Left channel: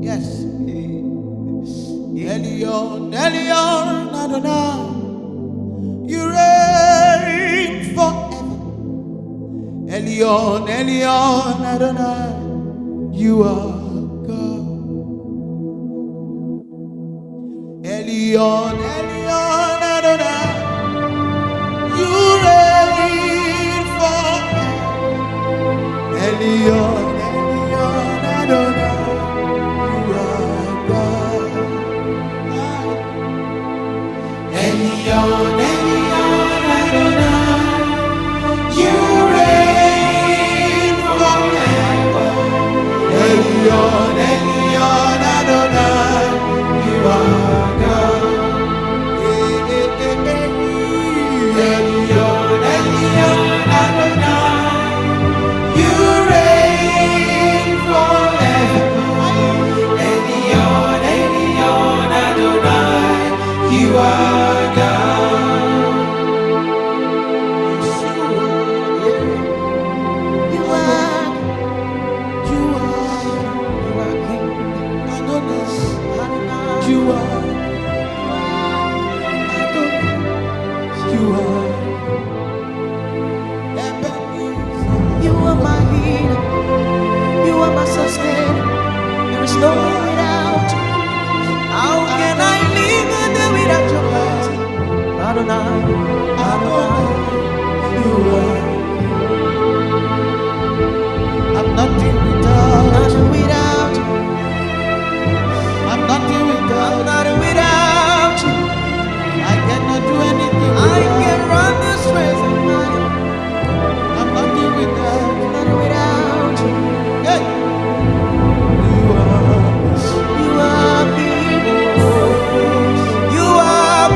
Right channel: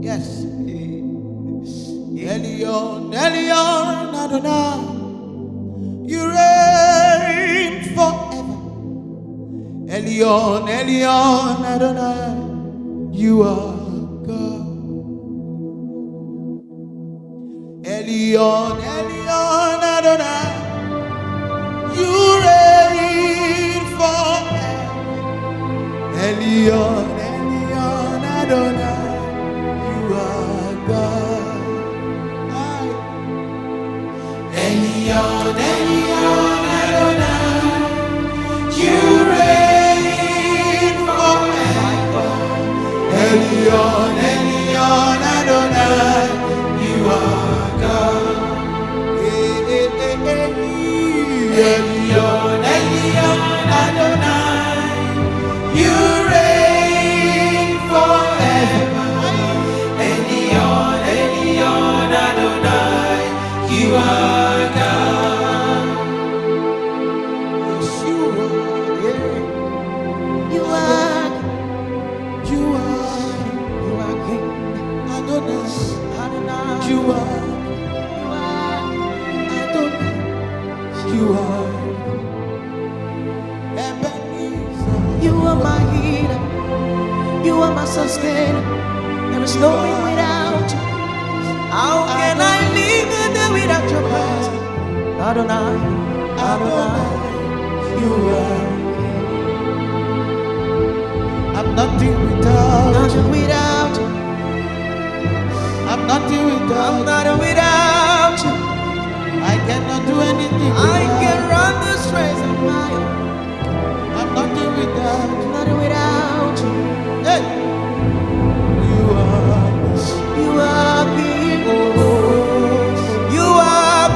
Yes. Elion, Elion, Adonai, you reign forever. Elion, Elion, Adonai, you are God. Elion, Elion, Adonai, you reign forever. Elion, Elion, Adonai, you are God. Elion, Elion, Adonai, you reign forever. Elion, Elion, Adonai, you are God. Elion, Elion, Adonai, you reign forever. Elion, Elion, Adonai, you are God. Yes, you are. You are. You are. You are King. Adonai. Adonai. You are. You are. Adonai. You are. Ebenezer. You are my healer. You are my sustainer. There is no me without you. How can I live a day without your presence? Adonai, Adonai, you are. I'm nothing without nothing without you. I'm nothing without I'm nothing without you. I cannot do anything without I can run this race on my own. I'm nothing without I'm nothing without you. Hey, you are. You are King. You are.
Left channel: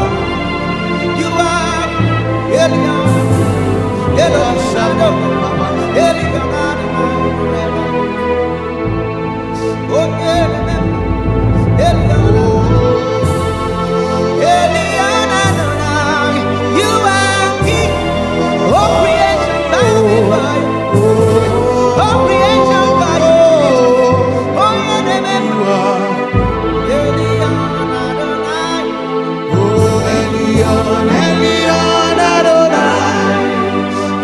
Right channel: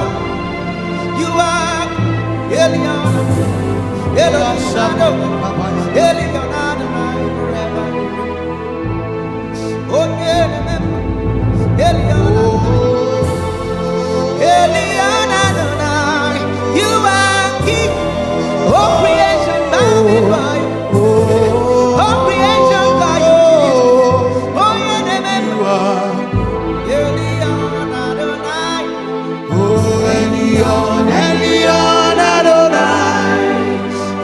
You are. Elion. Elion. Shadow. Elion. Adonai. Forever you reign. Oh, remember. Elion. Elion. Adonai. You are King. Oh, creation bow before you. Oh, creation bow you. Oh, yeah, remember. You are. Elion Adonai. Oh, Elion, Elion, Adonai,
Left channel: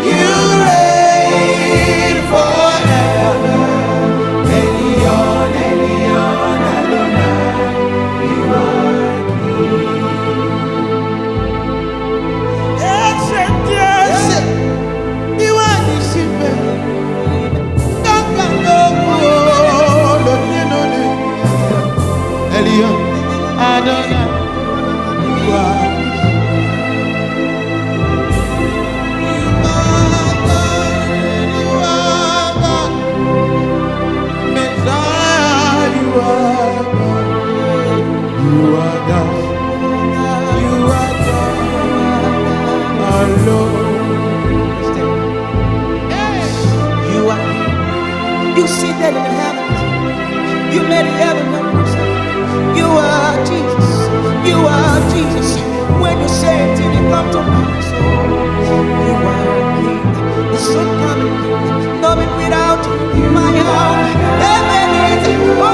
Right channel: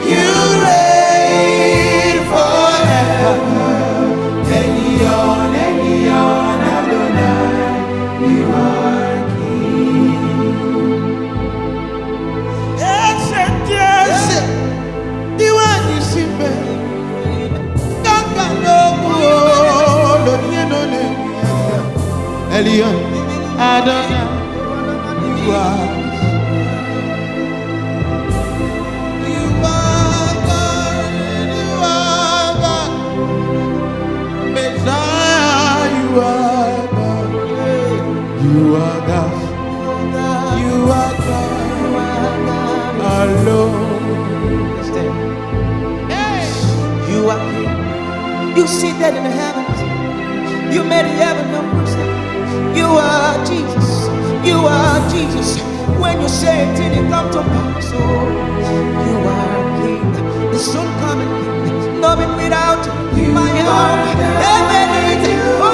you reign forever. Elion, Elion, Adonai, you are King. Yes, yes, you are the Simba. Elion, Adonai, you are. You are God, you are God. Messiah, you are God. You are God. You are God. Alone. You are King. You seated in the heavens. You made the heaven your footstool. You are Jesus. You are Jesus. When you say it, it come to pass. Oh, you are King, the soon coming King. Nothing without you. My home, Ebenezer. Oh,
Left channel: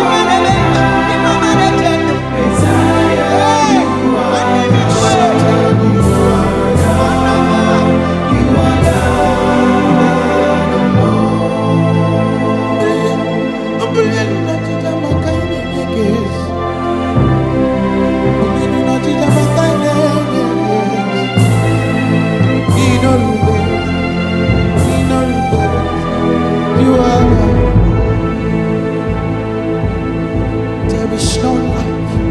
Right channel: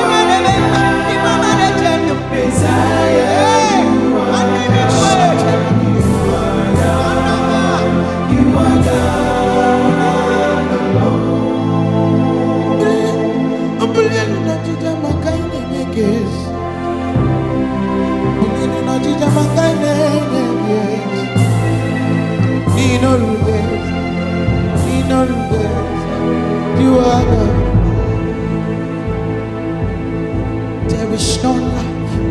the mama legend. Messiah, you are God. You are God. You are God alone. You are God. There is no like you.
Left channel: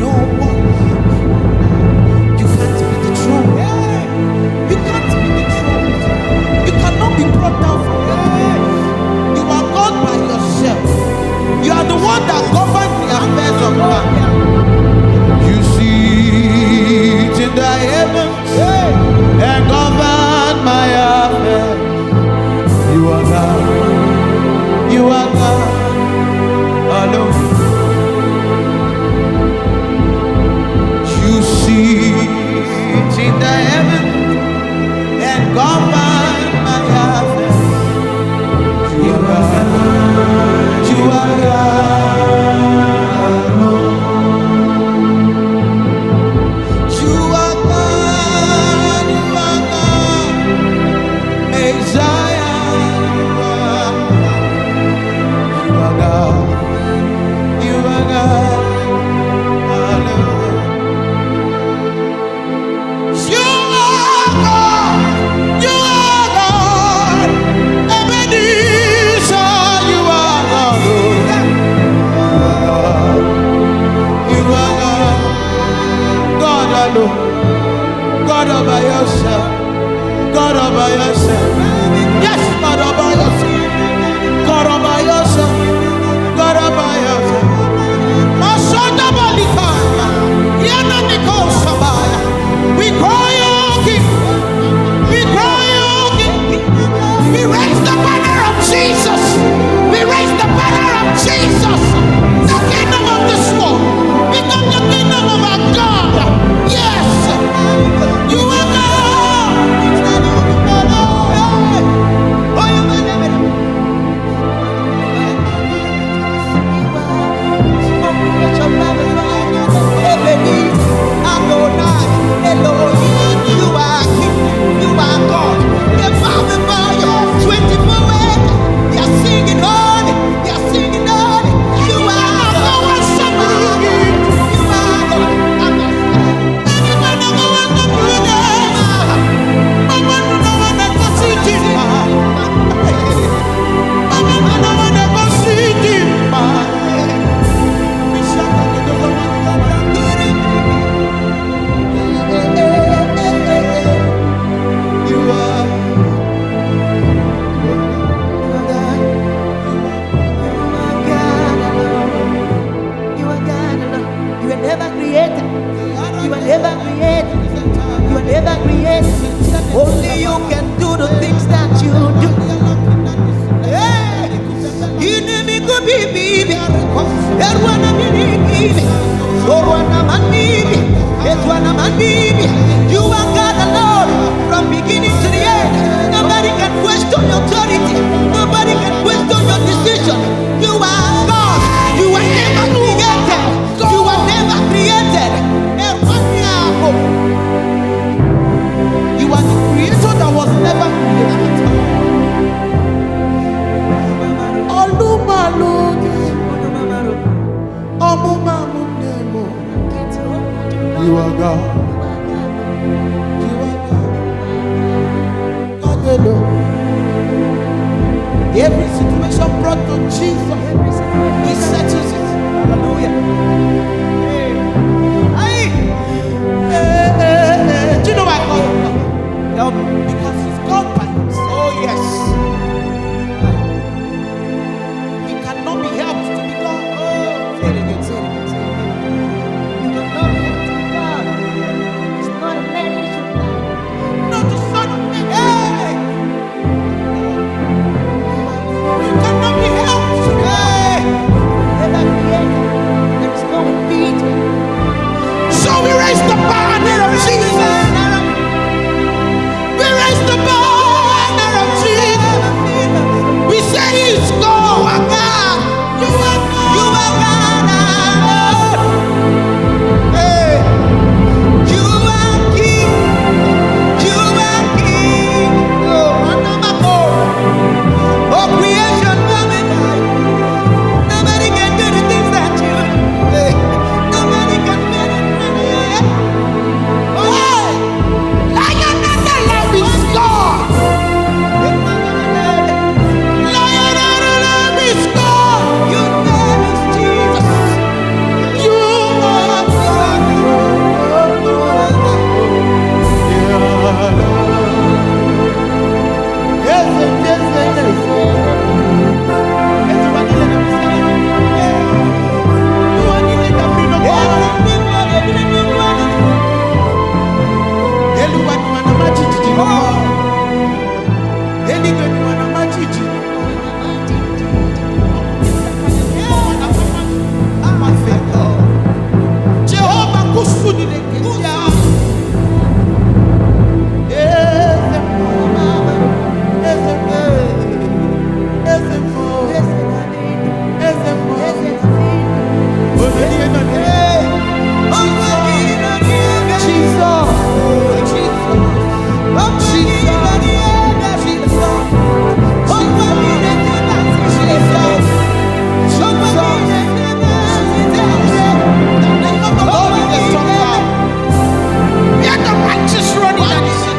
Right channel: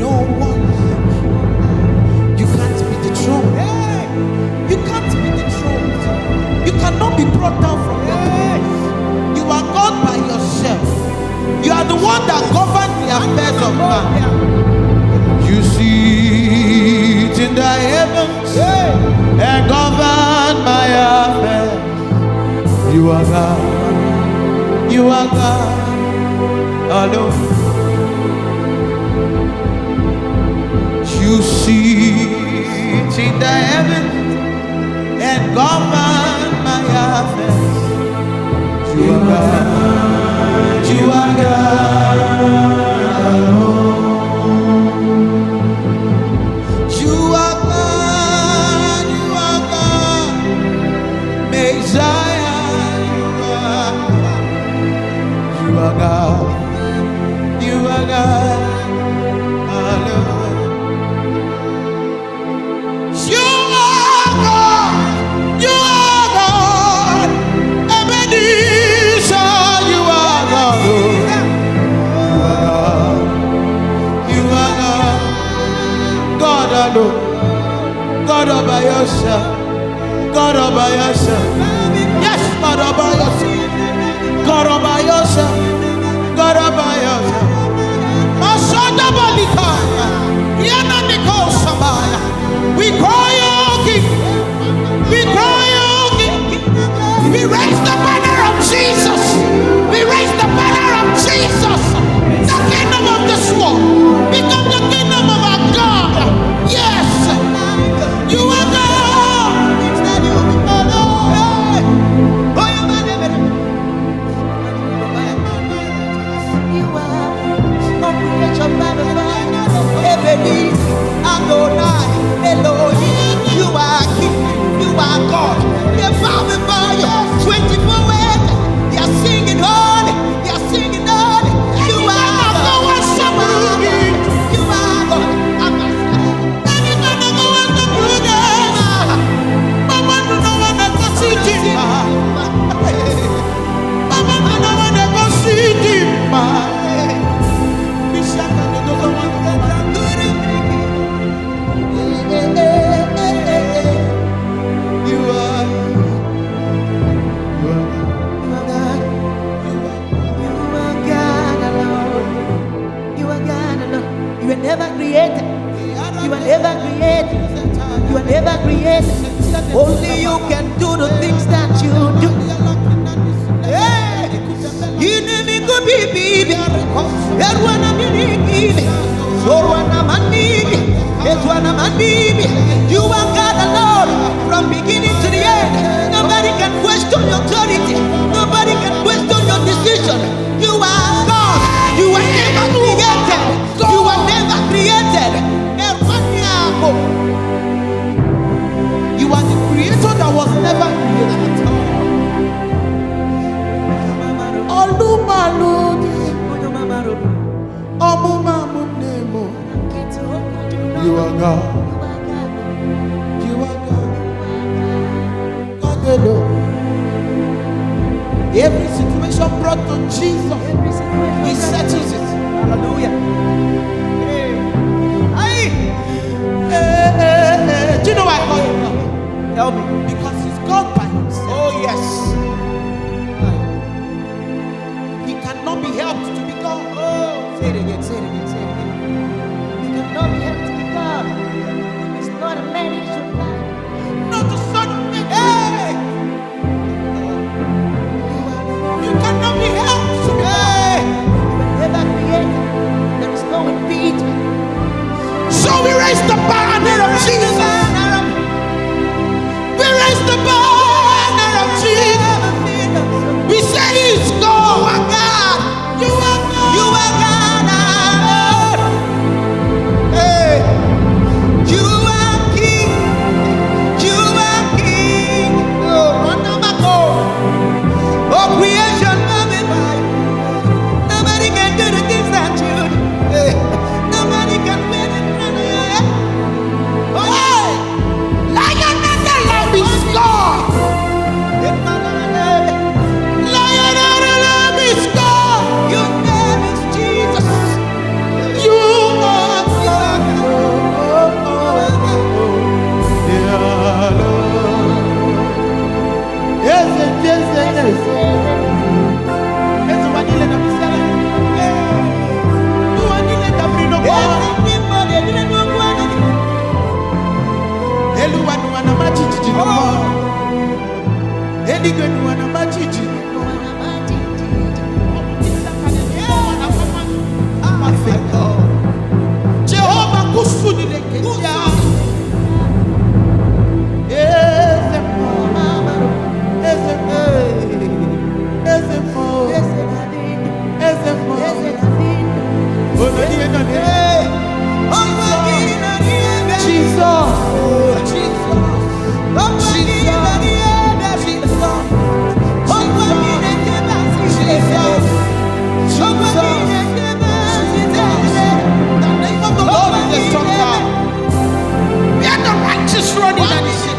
No one like you. You can't be the throne. You can't be the throne. You cannot be brought down from your place. You are God by yourself. You are the one that governs the affairs of man. You sit in the heavens and govern my affairs. You are God. You are God alone. You sit in the heavens and govern my affairs. You are God. You are God alone. You are God. You are God. Messiah. You are God. You are God alone. You are God. You are God. Ebenezer, you are God. You are God. You are God. God alone. God all by yourself. God all by yourself. Yes, God all by yourself. God all by yourself. God all by yourself. Masada Balikaya. Yana Niko Sabaya. We cry you, King. We cry you, King. We raise the banner of Jesus. We raise the banner of Jesus. The kingdom of this world become the kingdom of our God. Yes, you are God. Ebenezer, Adonai, Elohim, you are King, you are God. They bow before you 24/8. They are singing holy, they are singing holy. You are God. You are God. You are God. You are God alone. You are God alone. You were never created. You were never created. You were never created. Only you can do the things that you do. You never could be baby. Everyone baby. So one man baby. You are God alone from beginning to the end. Nobody can question your authority. Nobody can question your decision. You are God. You were never created. You were never created. You are the creator that was never created. You are God. You are God. God alone. Every situation brought to Jesus, He settles it. Hallelujah. Do you know why I call Him God? Tell me. Because He's God by Himself. Oh yes. He cannot be helped to be God. Oh, say it again, say it again, say it again. You cannot be helped to be God. It's not a man he should lie. Not the Son of Man. Hey! You cannot be helped to be God. You were never created. There is no impeachment. So we raise the banner of Jesus. We raise the banner of Jesus. We say He's God. You are God. You are God. You are God. Hey. You are King. You are King. Oh, creation, nobody can do the things that you do. Hey. Nobody can win it. Hey! Lion and the Lamb is God. Lion and the Lamb is God. Your name is Jesus. You are God. Yeah, Lord. Yes, yes, yes, yes. Jehovah Usuni lekesia. Ezemo. Ezemo. Ezemo. Ezemo. Jesus. The name of the Lord is a strong tower. We are the righteous running and he said,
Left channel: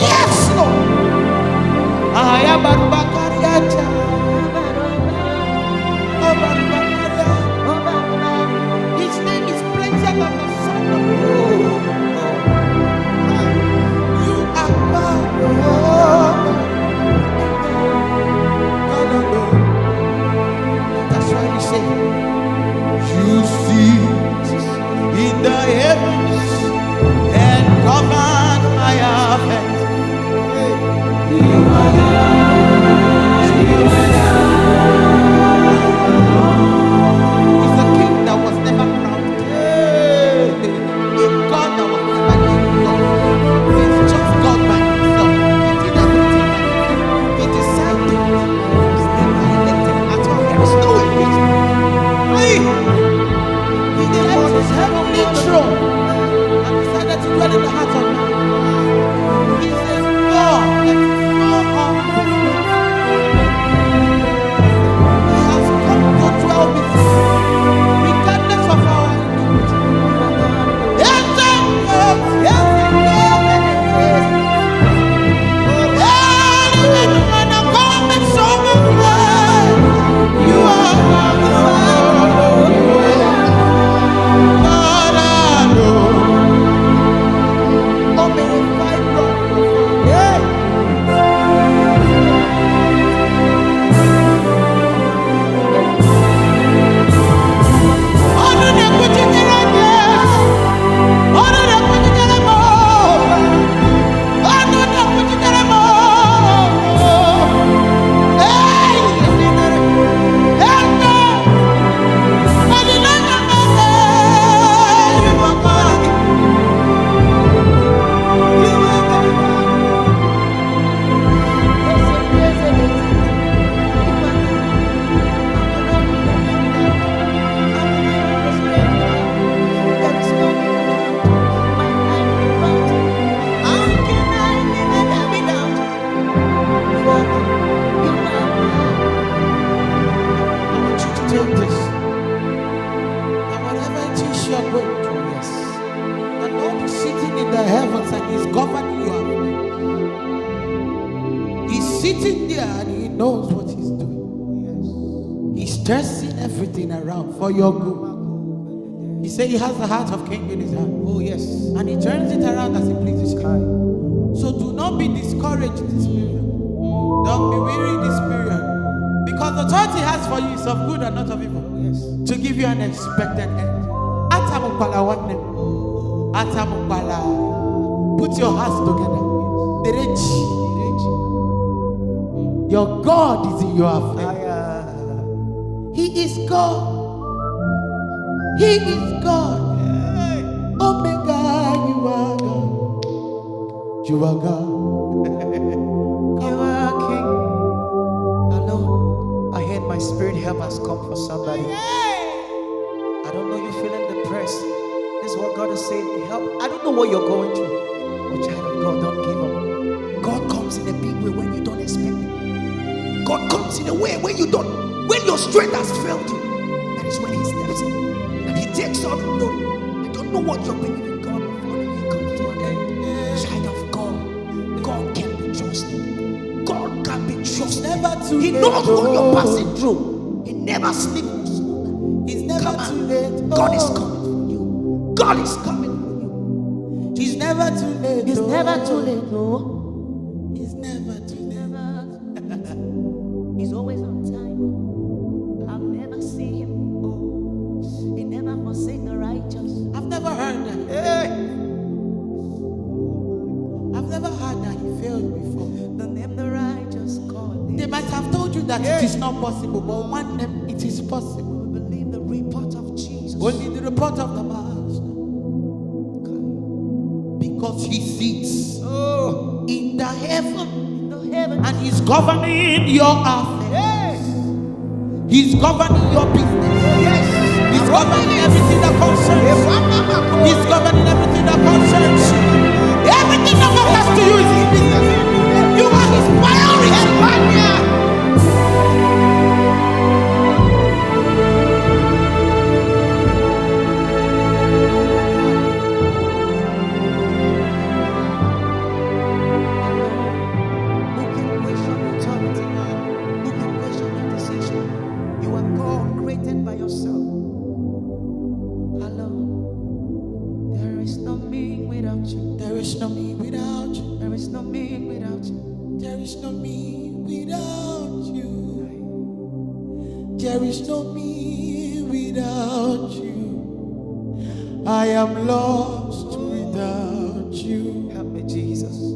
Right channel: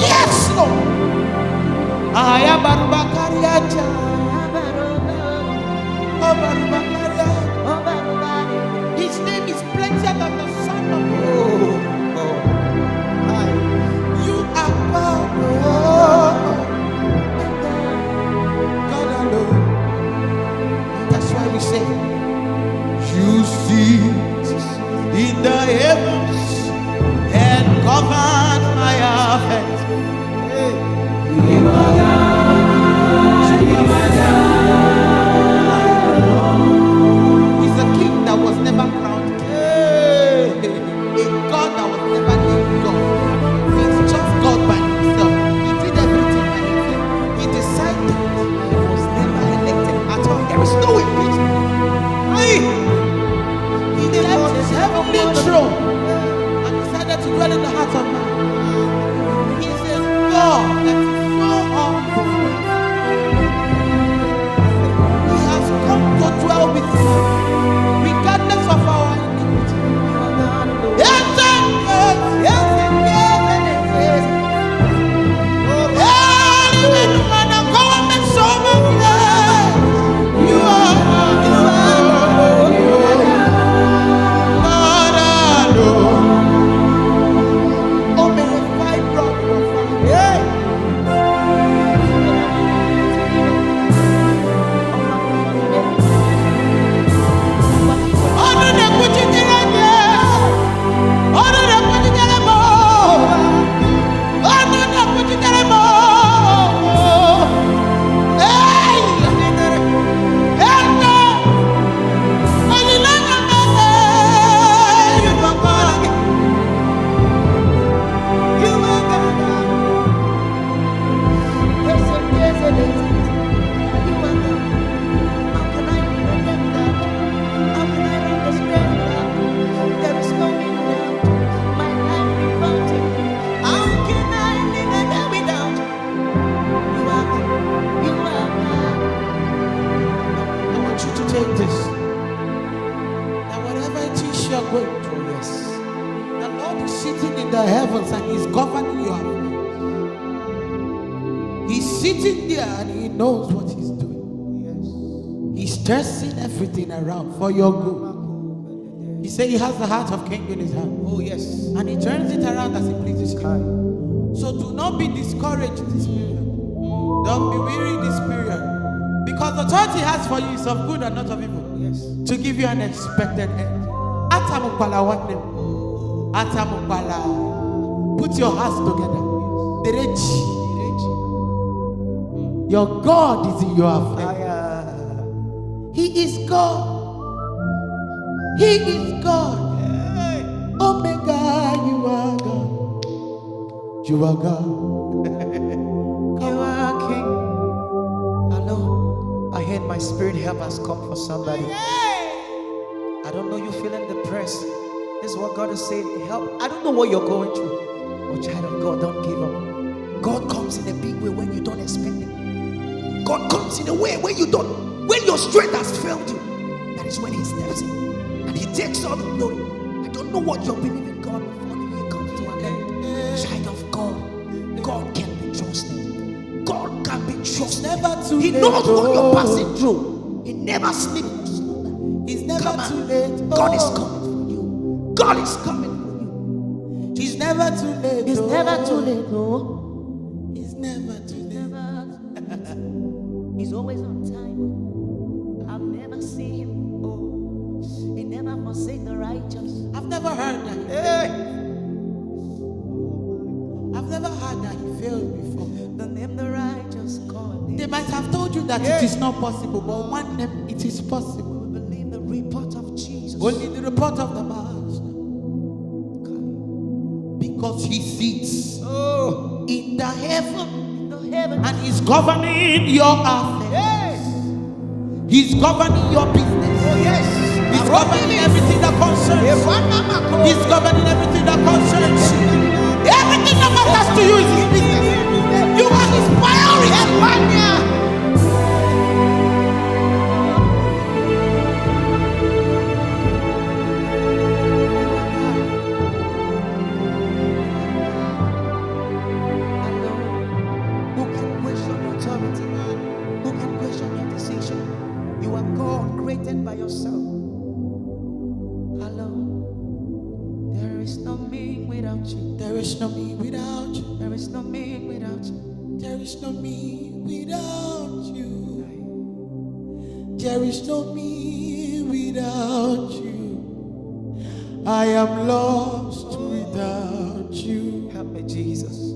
yes, Lord. His name is plentier than the sun of God. You are God, God alone. That's why we say, you sit in the heavens and govern my affairs. You are God. He's a king that was never crowned king. A God that was never named God. He's just God by himself. He did everything by himself. He decided he was never elected at all. There is no impeachment. He left his heavenly throne and decided to dwell in the heart of man. He's a God that is so humble. He has come to dwell with man, regardless of our iniquity. You are God alone. Yes, yes, yes, yes, yes. You are God. Take this, that whatever it is you are going through, yes, the Lord is sitting in the heavens and he's governing your affairs. He's sitting there and he knows what he's doing. Yes, he's stressing everything around for your good. He said he has the heart of king in his hand. Oh yes, and he turns it around as he pleases him. So do not be discouraged this period. Don't be weary this period. Because the thought he has for you is of good and not of evil. Yes. To give you an expected end. Atamukpala one name. Atamukpala. Put your hearts together. Dereji. Your God is in your affair. He is God. He is God. Omega, you are God. You are God. You are King. Alone. I heard my spirit help has come for somebody. I don't know you feeling depressed. This is what God is saying. Help. I don't know what you're going through. But child of God, don't give up. God comes in a big way when you don't expect it. God comes in a way when you don't, when your strength has failed you. That is when he steps in. And he takes all the glory. I don't know what you're believing God before the year comes to an end. Child of God, God can be trusted. God can be trusted. Never too late. He knows what you're passing through. He never sleeps or slumber. He's never too late. God is coming for you. God is coming for you. He's never too late. He's never too late. No. He's never too late. He's always on time. I've never seen him. Oh, he never forsake the righteous. I've never heard that. I've never heard that he failed before. The name the righteous God. They might have told you that it is not possible, but one name it is possible. We believe the report of Jesus. Only the report of the man. because he sits in the heaven and he's governing your affairs. Yes. He's governing your business. Oh, yes. He's governing everything that concerns you. He's governing everything that concerns you. Everything that matters to you is his business. You are his priority. Who can question your authority? Who can question your decision? You are God, created by yourself. Alone. There is no me without you. There is no me without you. There is no me without you. There is no me without you. There is no me without you. I am lost without you. Help me, Jesus.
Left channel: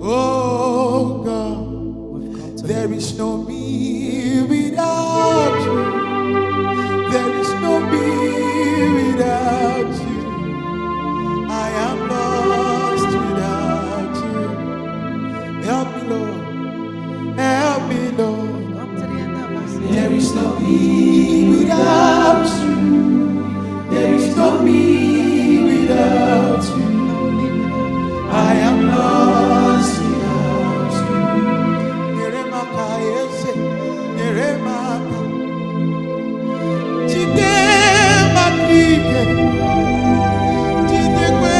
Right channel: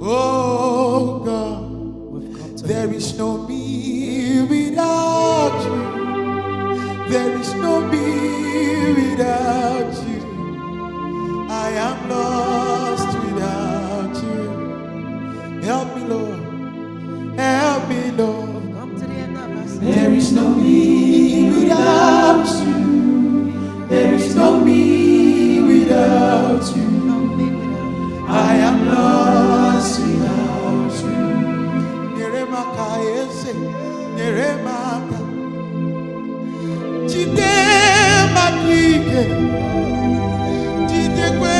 Oh God, We've come to there is no me without you. There is no me without you. I am lost without you. Help me, Lord. Help me, Lord. come to the end of us. There is no me without you. There is no me without you. No me without you. I am lost without you. Neremaka ese, neremaka. Chide makike, chide kwe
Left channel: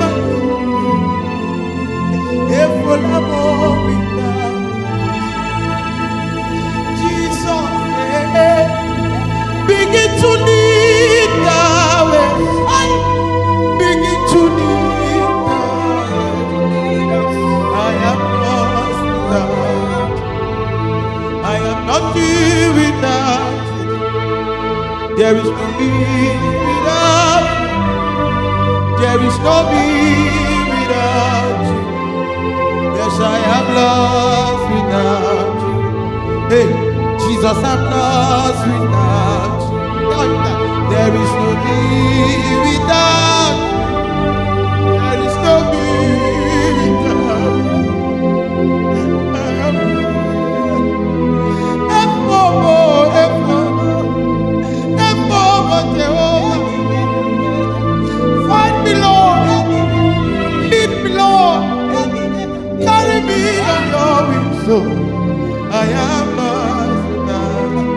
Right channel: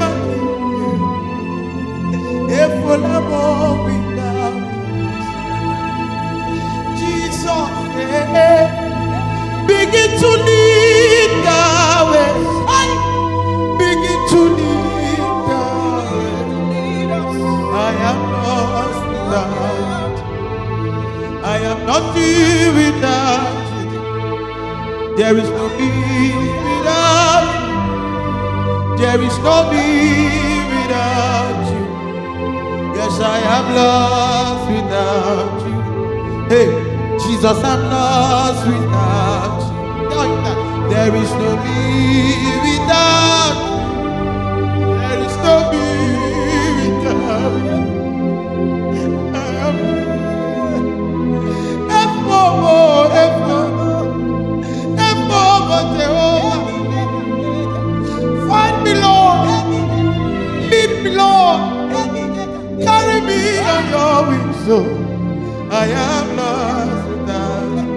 makike. Efolamo without Jesus, begin to lead the way. Begin to lead the way. I am lost without you. I am nothing without you. There is no me without you. There is no me without you. Yes, I am lost without you. Hey, Jesus, I'm lost without you. Tell him that. There is no me without you. There is no me without you. I am Jehovah. Find me, Lord. Lead me, Lord. Carry me on your wings, so I am lost without you.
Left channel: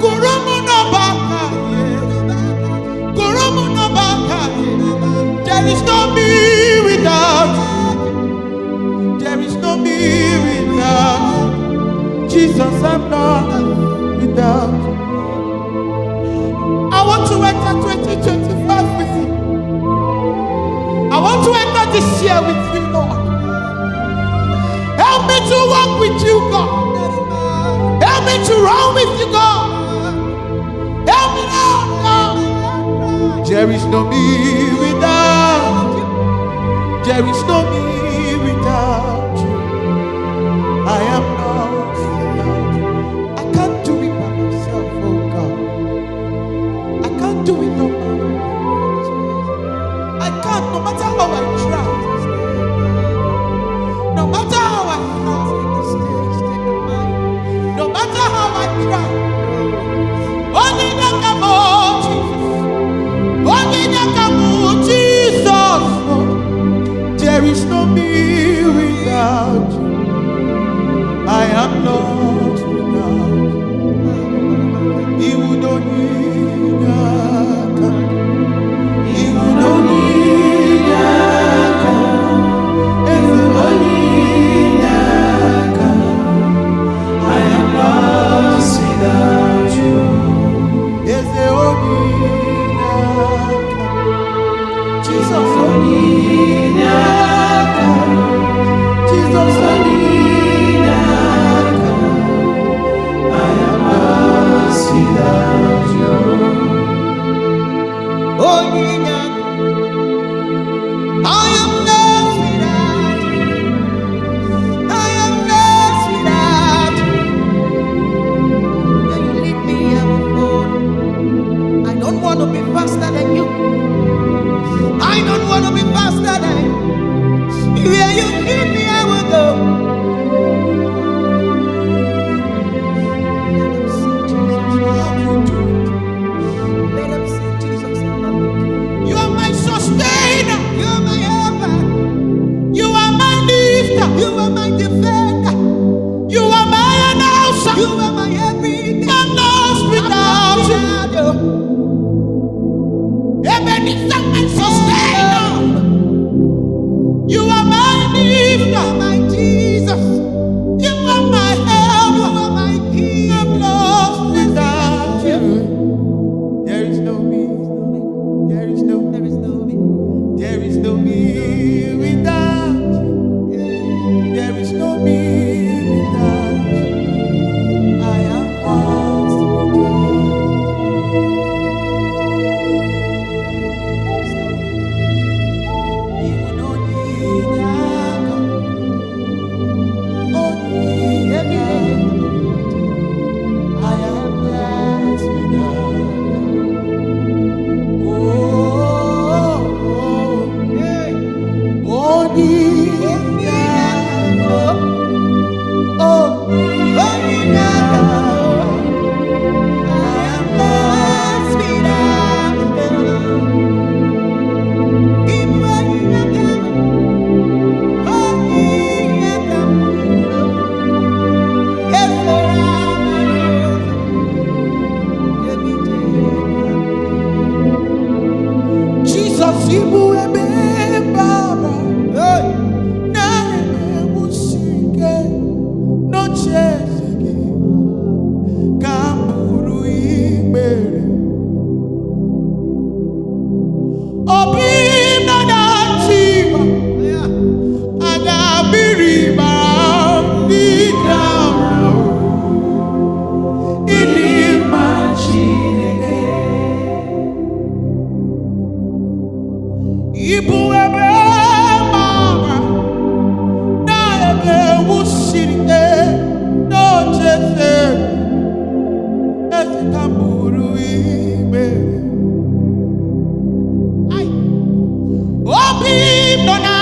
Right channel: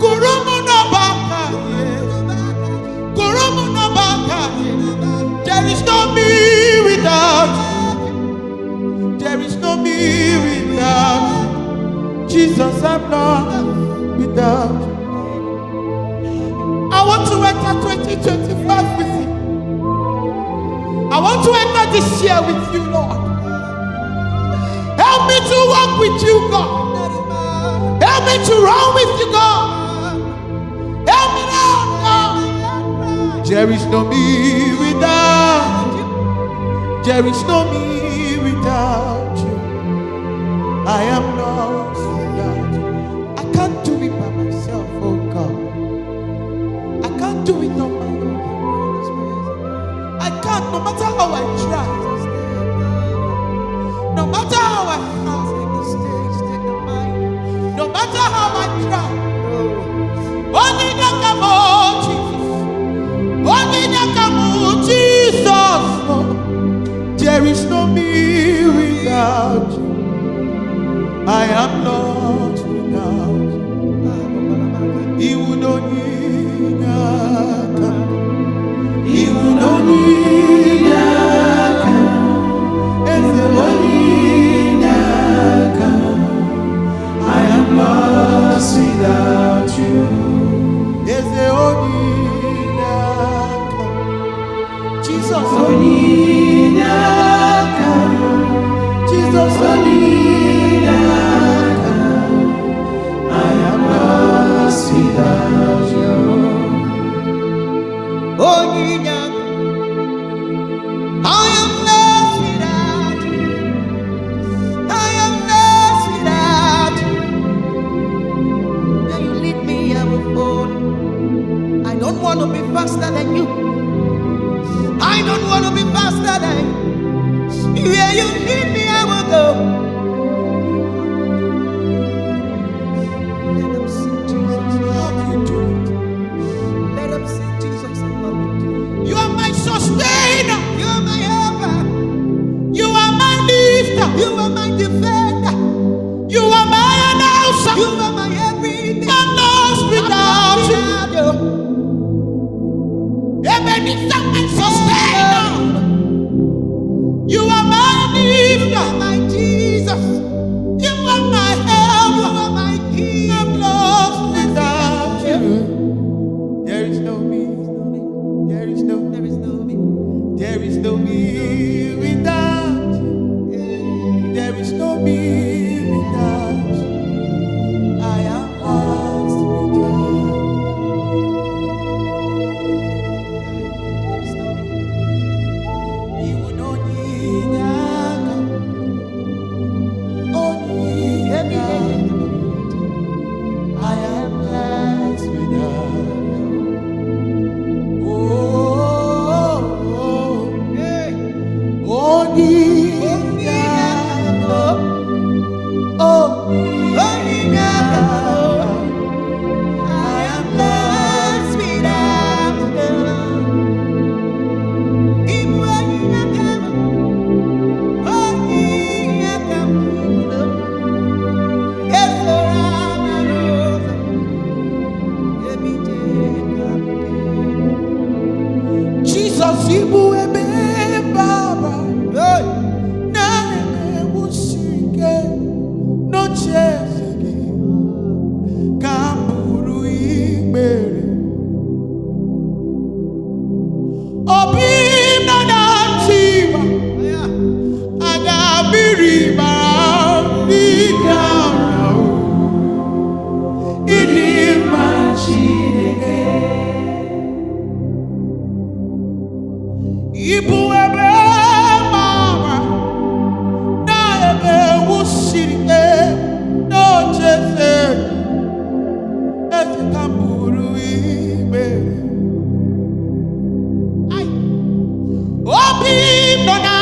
Kurumu no baka, Kurumu no baka, there is no me without you. There is no me without you. Jesus, I'm lost without you. I want to enter 2025 with you. I want to enter this year with you, Lord. Help me to walk with you, God. Help me to run with you, God. Help me, Lord, God. There is no me without you. There is no me without you. I am lost without you. I can't do it by myself, oh God. I can't do it on my own. I can't, no matter how I try. No matter how I try. No matter how I try. Only Nakamo, Jesus. Only Nakamo, Jesus. Oh, there is no me without you. I am lost without you. He would only He would only I am lost without you. Jesus, Jesus, I am lost without you. Oh, I am lost without you. I am lost without you. When you lead me, I will fall. I don't want to be faster than you. I I don't want to be faster than you. Where you lead me, I will go. Let them see Jesus. How you do it? Let them see Jesus in my way. You are my sustainer. You are my helper. You are my lifter. You are my defender. You are my announcer. You are my everything. I'm lost without you. you. Ebenezer, my sustainer. You are my lifter. You are my Jesus. You are my helper. You are my king. I'm lost without you. There is no me. There is no. There is no me. There is no me without you. There is no me without you. I am lost without you. You will not need that. Only I am lost without you. Only Jesus, Ibu ebe Baba, na eme wusike no chezegi kamburu igbere. Obi na chiva, aga biriba di kana ini machine. Ibu ebe mama na ebe wusirike no chese eze kamburu igbere. Ai obi no na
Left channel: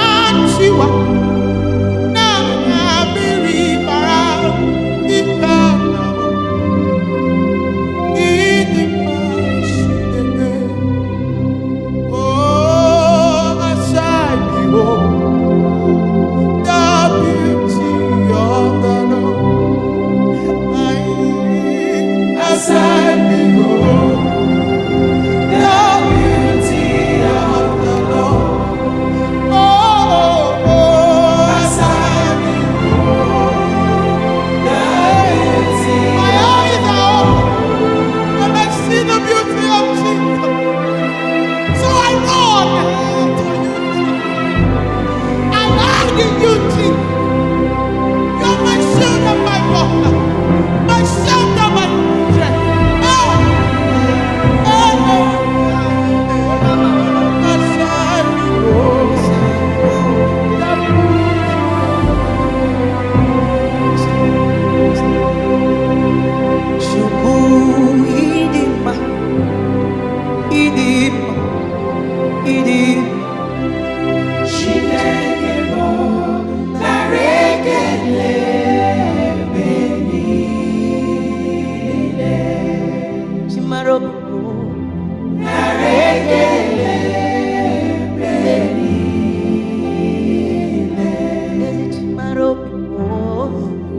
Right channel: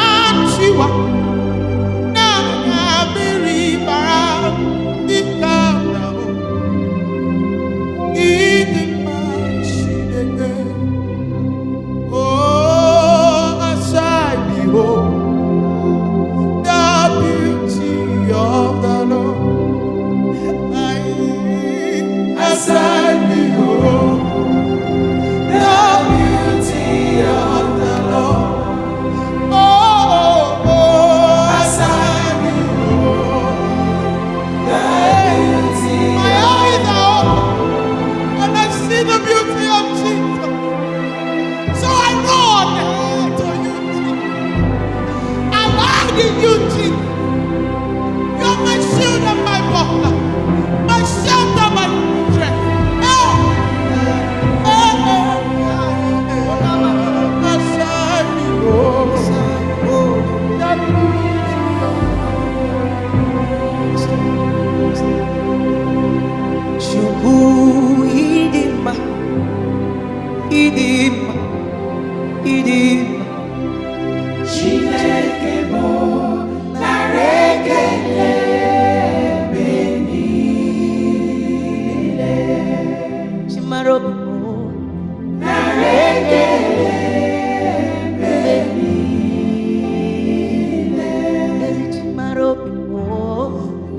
chiwa na abiri bara ikana idi machine. Oh, as I behold the beauty of the Lord, as I behold the beauty of the Lord, as I behold the beauty, my eyes are open and I see the beauty of Jesus. So I run to you, Jesus. I hide in you, Jesus. You're my shield and my buckler, my shelter, my strength. Aside me, that Shuku idima, idima, idima. Chineke mo narekele benile. Chimarobi mo Narekele benile. Chimarobi mo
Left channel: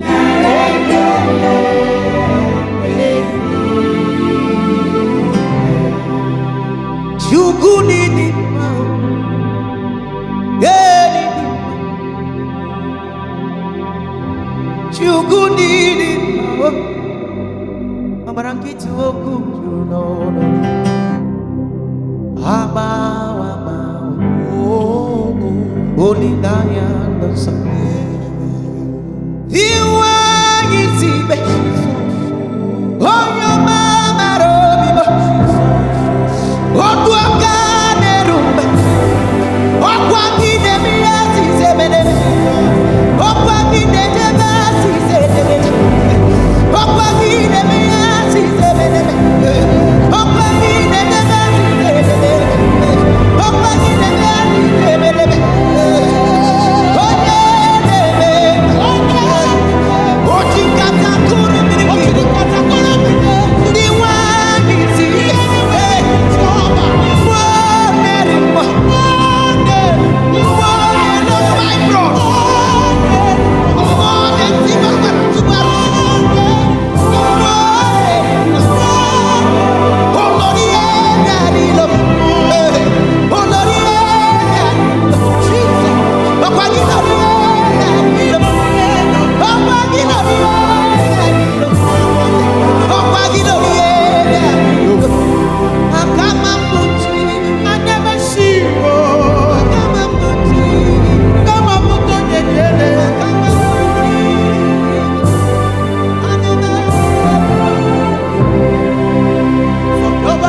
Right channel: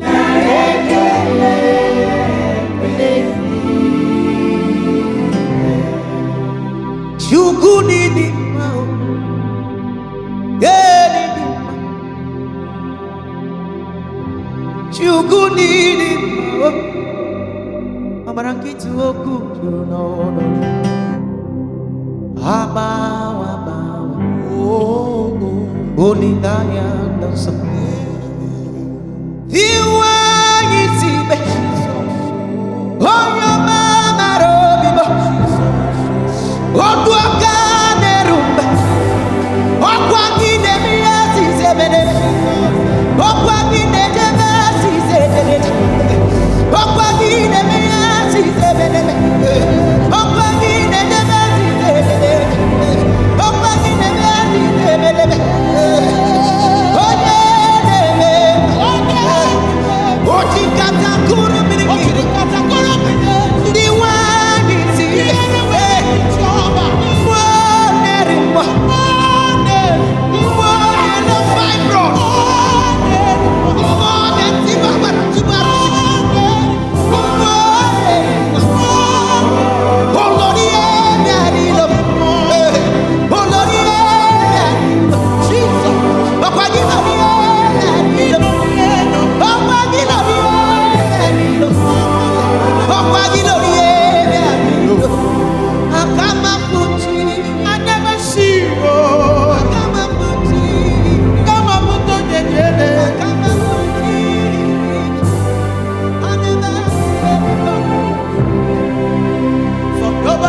Narekele Shuku idima, idima. Shuku idima. Amarankitu oku juru n'ọnụ gị. Agbawa agbawa, olileanya dị nsọ. Iwe anyị si be, onye ọma mara obi m. Otu aka na-eru mbe, ọkwa gị na-eme ihe asịsị emeneme, ọkwa gị na-ejebe asịsị ejegeje, ọkwa gị na-eme ihe asịsị emeneme, ọkwa gị na-ejebe asịsị ejegeje, ọkwa gị na-eme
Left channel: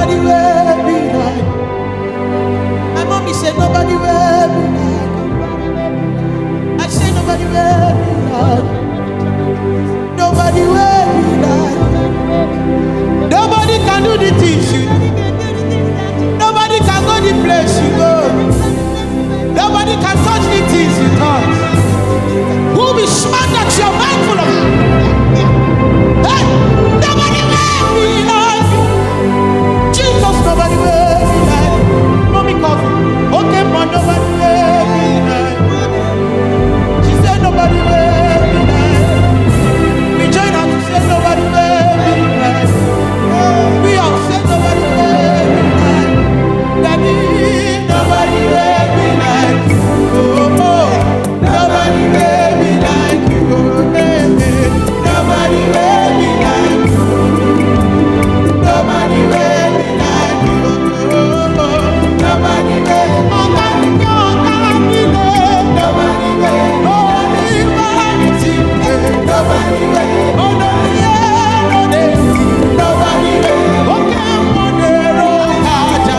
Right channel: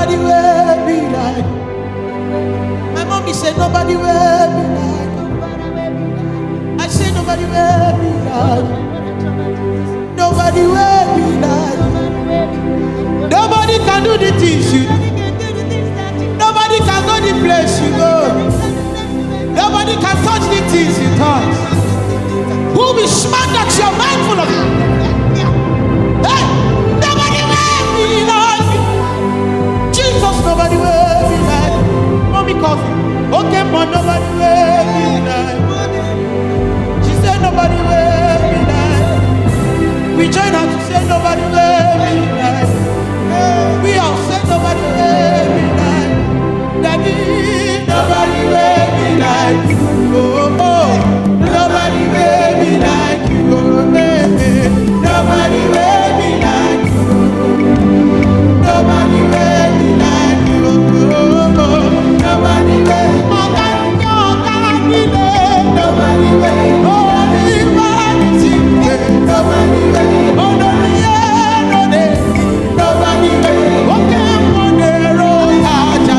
nobody will be like. My mommy said nobody will be like. I say nobody will be like. Nobody will be like. Nobody can do the things you do. Nobody can go the place you go. Nobody can touch the things you touch. Who will be smart that you're mindful of it? Hey, nobody will be like Jesus. Nobody will be like. Mommy calls me. Okay, but nobody will be like. She said nobody will be like. We join her to say nobody will be like. We all say nobody will be like. Daddy, nobody will be like you. Oh, oh, nobody will be like you. Oh, eh, eh. Nobody will be like you. Nobody will be like you. Oh, oh, oh. Nobody will. Nobody will. Nobody will. Nobody will. Oh, no, yeah, no, nobody will. Okay,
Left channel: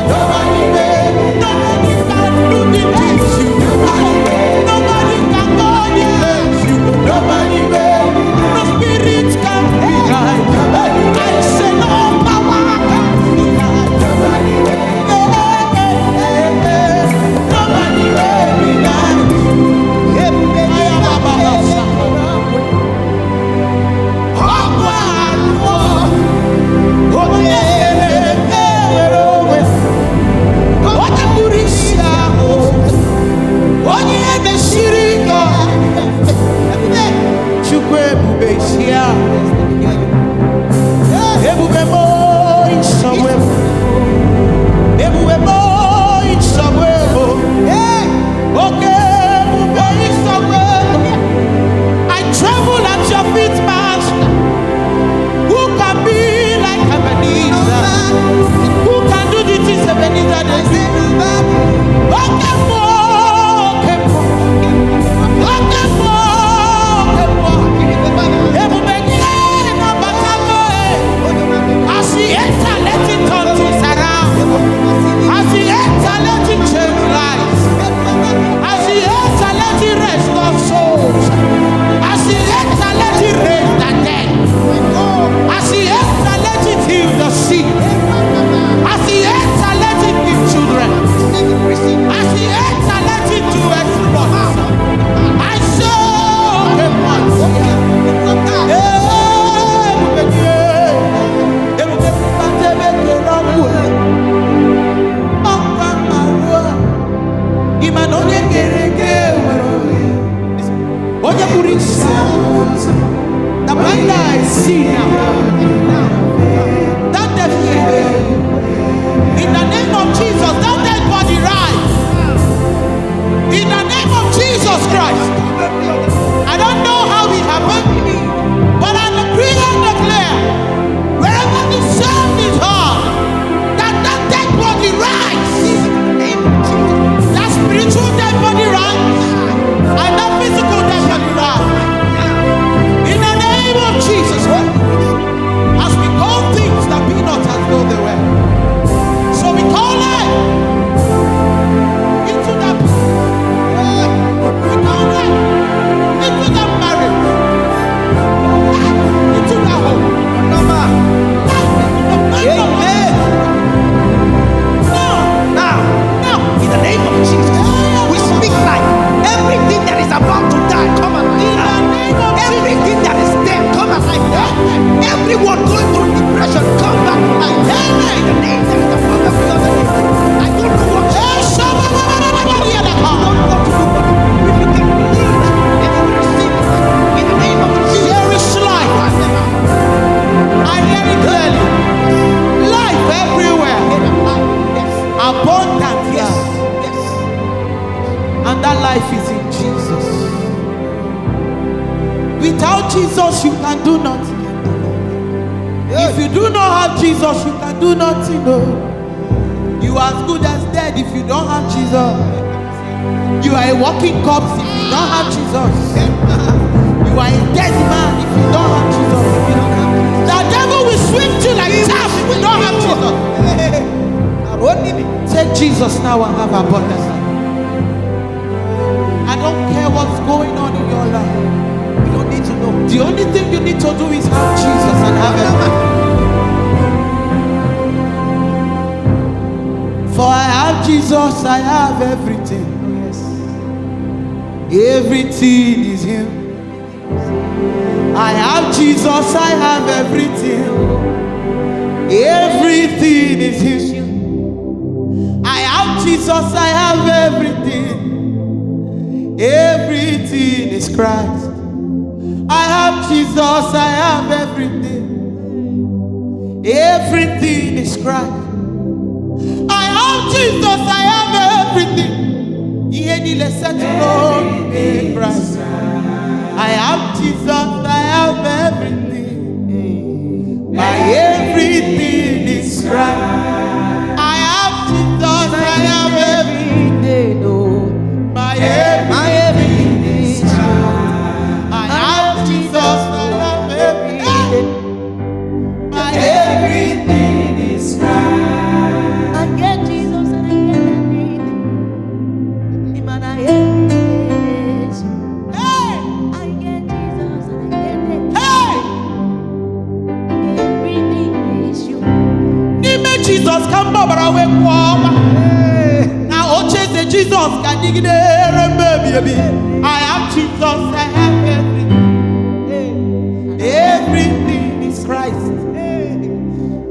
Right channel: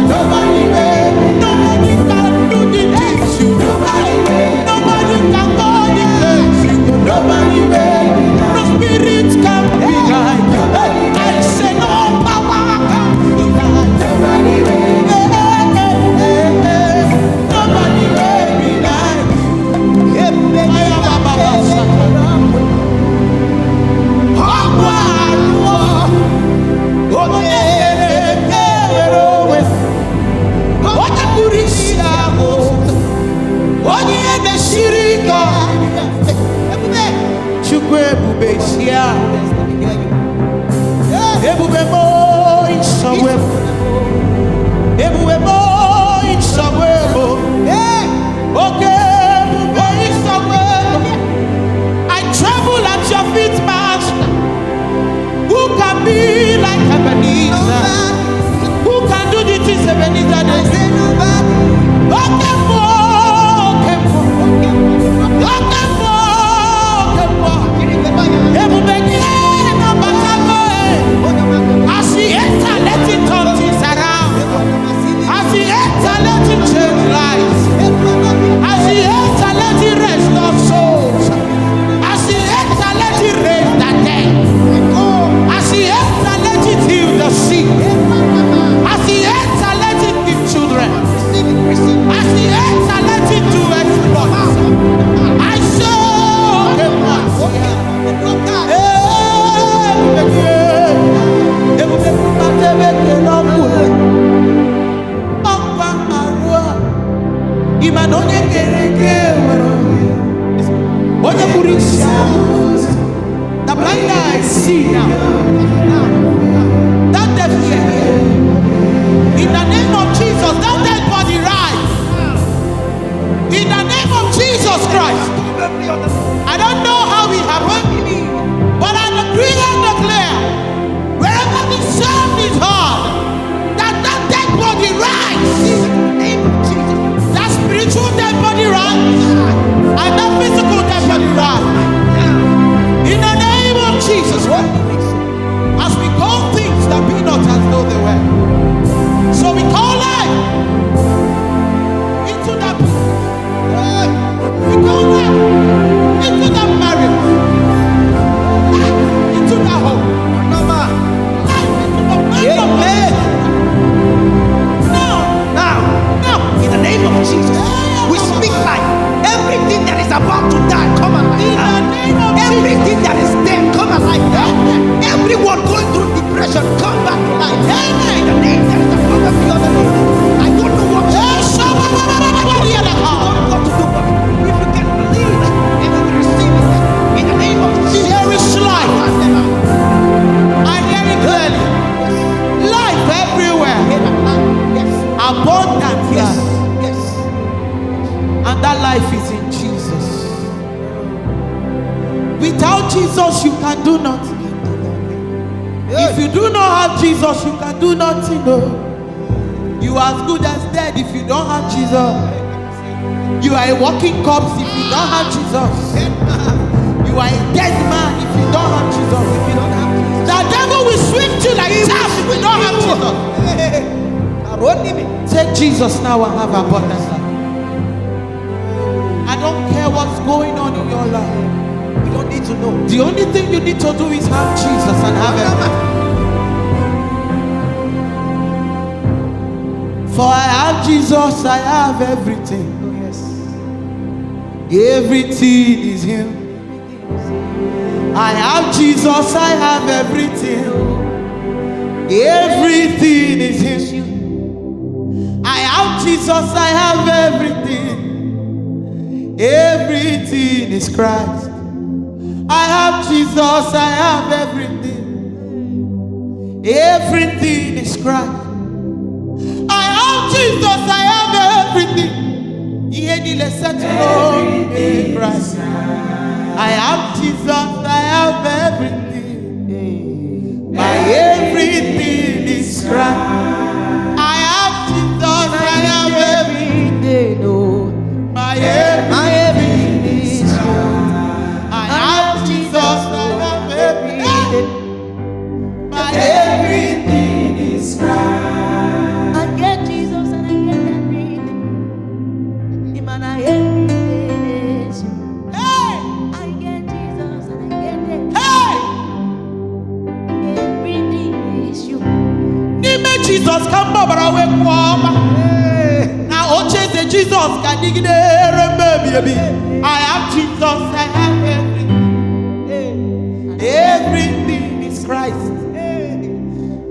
nobody will. Nobody can do the things you do. Nobody can go the place you go. Nobody will. No spirit can be like you. I say no power can be like you. Nobody will. Nobody will be like you. I am a I tremble at your feet, Master. Who can be like Ebenezer? Who can do the things Ebenezer does? Okay, as he enter, let it turn things around. As he enter, let it change lives. As he enter, let it restore souls. As he enter, let it raise the dead. As he enter, let it heal the sick. As he enter, let it give children. As he enter, let it do exploits. I saw him once. The blind eyes see now. That deaf ear. In the name of Jesus, that dead body rise. In the name of Jesus Christ. I don't know how it happened, but I decree and declare, wherever the sound is heard, that dead body rise. That spiritual dead body rise, and that physical dead body rise. In the name of Jesus Christ. As we call things that be not as though they were. So we call life into that business. We call life into that marriage. Life into that home. Life into the mind of Now, in the name of Jesus, we speak life. Everything that is about to die, come alive. In the name of everything that is dead, come alive. Everyone going through depression, come back to life. Amen. In the name that is above every other name. I don't know what you want to do, but if you can believe and you will receive it, in the name of Jesus, there is life. I hear it clearly. Yes. Life everywhere. Yes. Abundant. Yes. Life. Yes. And that life is in Jesus. Without Jesus, you can do nothing. If you do not have Jesus, you can do nothing. No. You are as good as dead if you don't have Jesus. You are a walking corpse if you don't have Jesus. You are a dead man if you don't have Jesus. If you don't have Jesus, the devil will swift you like chaff if you don't have Jesus. Take Jesus now and have abundant life. I don't care what's going on in your life. We don't need to know. The only thing you need to do is have Jesus and have everything. For I have Jesus, I have everything. Oh yes. Everything is Him. I have Jesus, I have everything. Everything is Him. I have Jesus, I have everything. Everything is Christ. I have Jesus, I have everything. Everything is Christ. I have Jesus, I have everything. Everything is Christ. I have Jesus, I have everything. My everything is Christ. I have Jesus, I have everything. My everything is Christ. I have Jesus, I have everything. My everything is Christ. I get Jesus and I get everything. Man, I everything is you. Hey! I get Jesus and I get it. Hey! Everything is you. Nime Jesus come babara we kwoma. Na oche the Jesus ka digide baby. I have Jesus, I have everything. Everything is Christ.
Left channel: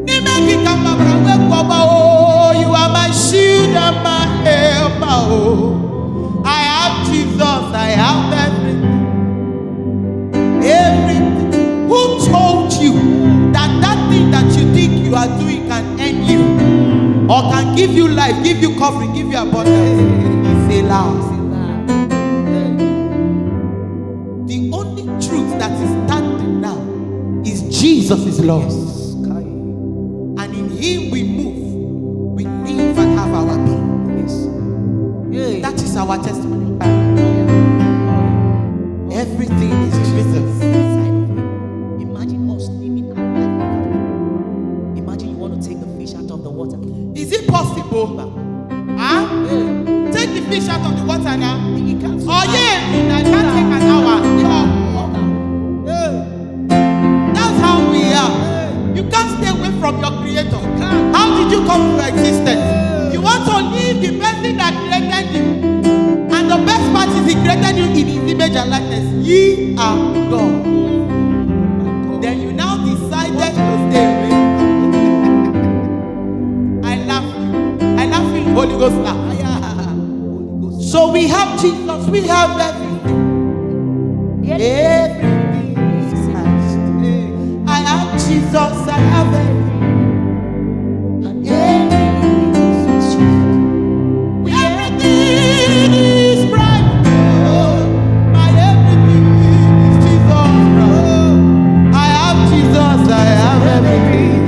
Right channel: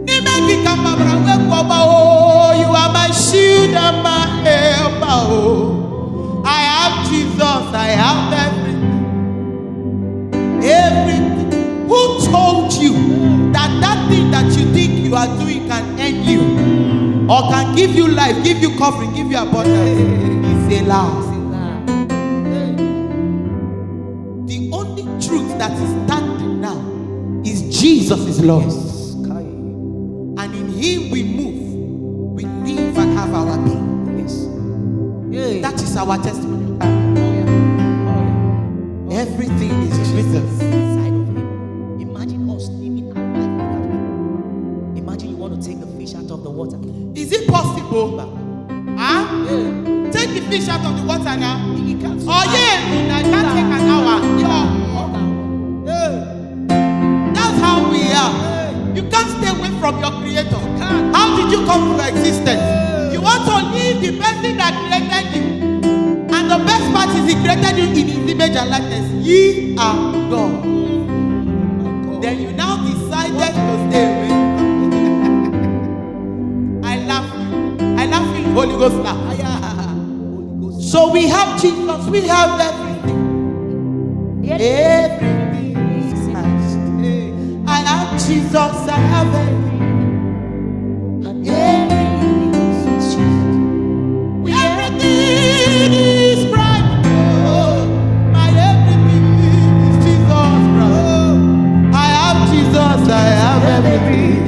Nime ki come babara we kwoma. Oh, you are my shield and my helper. Oh, I have Jesus, I have everything. Everything. Who told you that thing that you think you are doing can end you or can give you life, give you covering, give you abundance? It's a lie. The only truth that is standing now is Jesus is Lord. And in Him we move, we live and have our being. That is our testimony. Everything is Jesus. Inside of Him. Imagine us living our life without Him. Imagine you want to take the fish out of the water. Is it possible? Huh? Take the fish out of the water now. He can't. Oh yeah, it can't take an hour. That's how we are. You can't stay away from your Creator. How did you come to existence? You want to leave the person that created you. And the best part is He created you in His image and likeness. Ye are God. Then you now decided to stay away. I love you. I love you, Holy Ghost now. So we have Jesus, we have everything. Everything is Christ. I have Jesus, I have everything. And everything is you. Everything is Christ. Oh, my everything is Jesus Christ. I have Jesus, I have everything.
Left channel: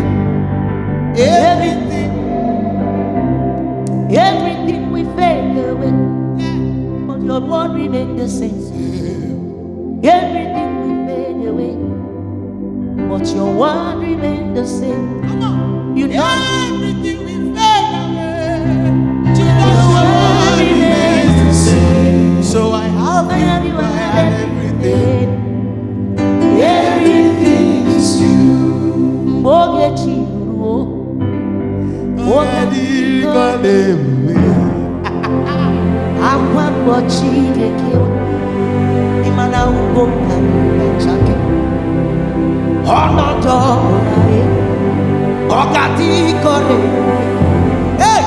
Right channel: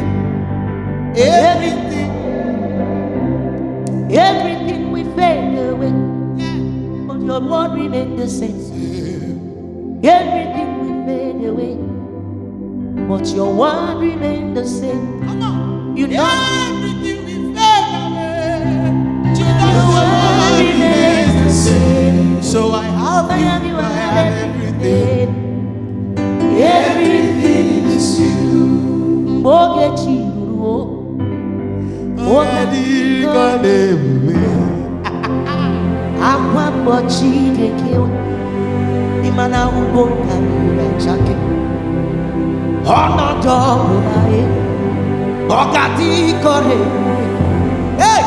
Everything. Everything we fade away. But your word remains the same. Everything we fade away. But your word remains the same. Come on. You know everything we fade away. Jesus, your word remains the same. So I have you, I have everything. Everything is you. Akwa mbochi dekewa imana ugonda niga chake ono dobu na e ogati kore ube. Hey,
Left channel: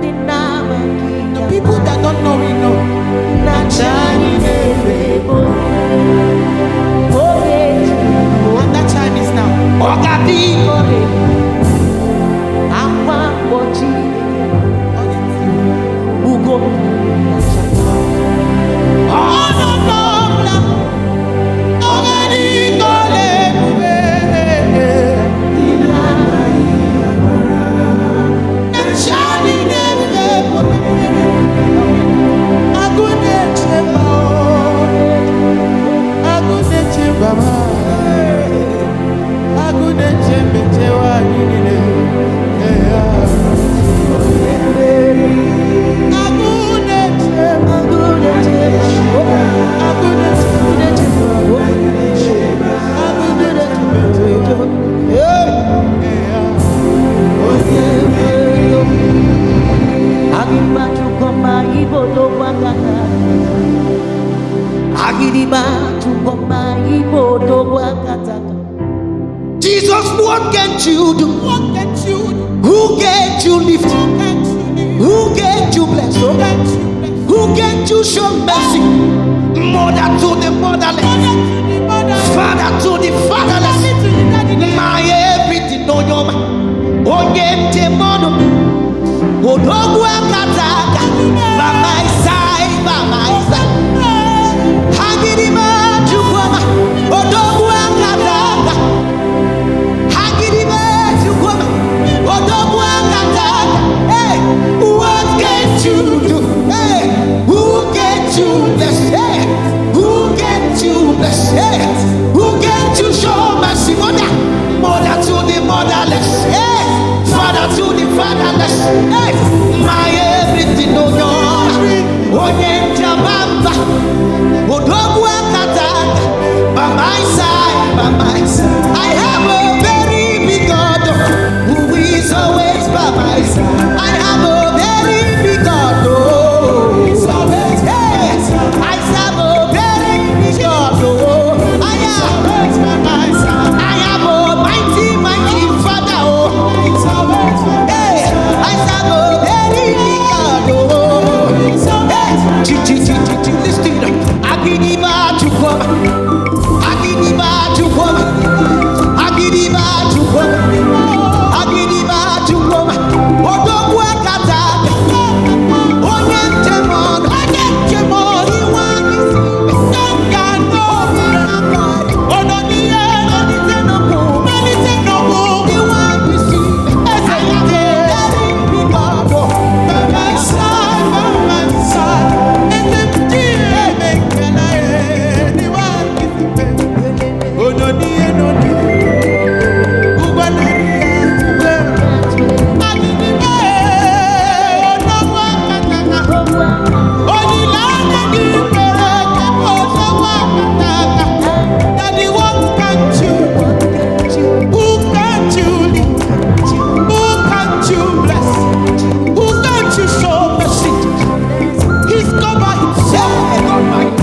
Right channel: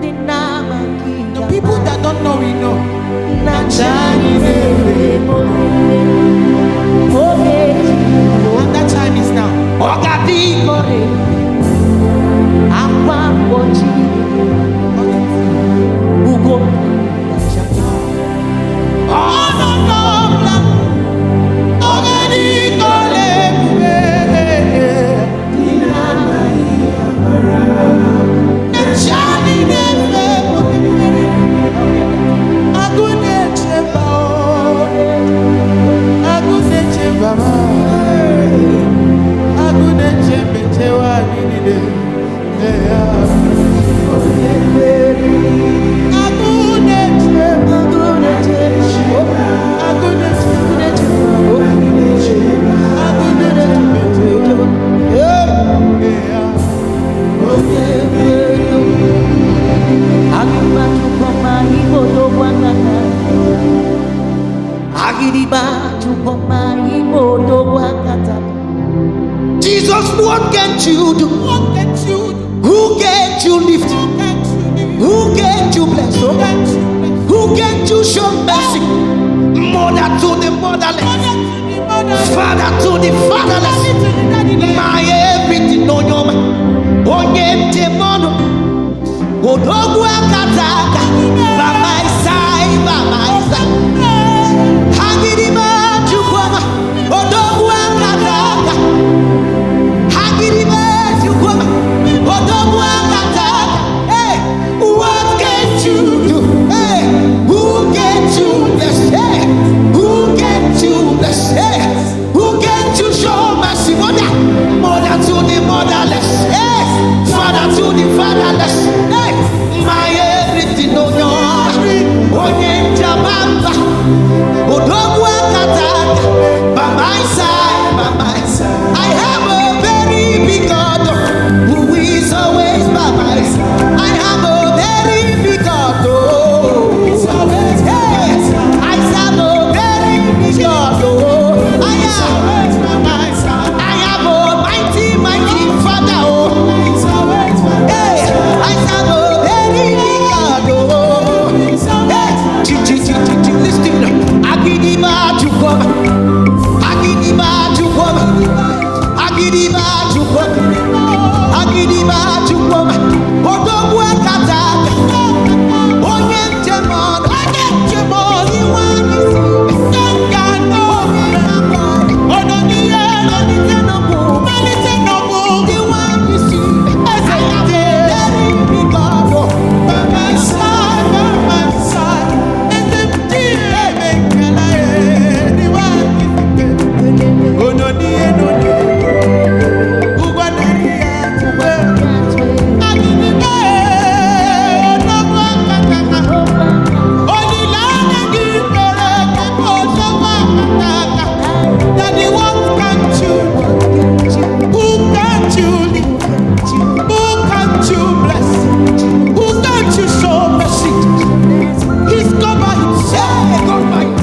Dinama ki the people that don't know we know. na chani neve bozinde And that time is now. ogati kore ube. Akwa mbochi dekewa ugonda niga chake ono dobla ogadi kore ube. Shani neve agune chemba o agune chemba ma agune chembe chewa nini ne Agiriba chukoma ibodo wakata. Agiriba chukoma ibodo wakata. Jesus, what can't you do? What can't you do? Who can't you lift? Who can't you lift? Who can't you bless? Who can't you bless? Who can't you show mercy? Mother to the motherless, Mother to the motherless, father to the fatherless, daddy to the daddyless. my everything no nyoma. Onye demono, odogu akataka. By my side, by my side. Hagirima chukoma, odogu akataka. Hagirima chukoma, odogu akataka. Hey, what can't you do? Hey, who can't you bless? Hey, who can't you bless? Hey, who can't you show mercy? Mother, mother to the motherless. Hey, father to the fatherless. Hey, my everything no your onye jabamba. Odogu akataka. By my side, by my side. I have a very big God who is always by my side. I have a very big God. Oh, hey, I serve a very big God. Oh, I have a mighty, mighty Father. Oh, hey, I serve a very big God. Oh, hey, listen. Agiriba chukoma, agiriba chukoma, agiriba chukoma, agiriba chukoma. Odogu akataka, onye ntemon, iwanyi sibe, ngano, ononiye, onitenoku, iwanyi sibe. I have a very big God by my side, by my side.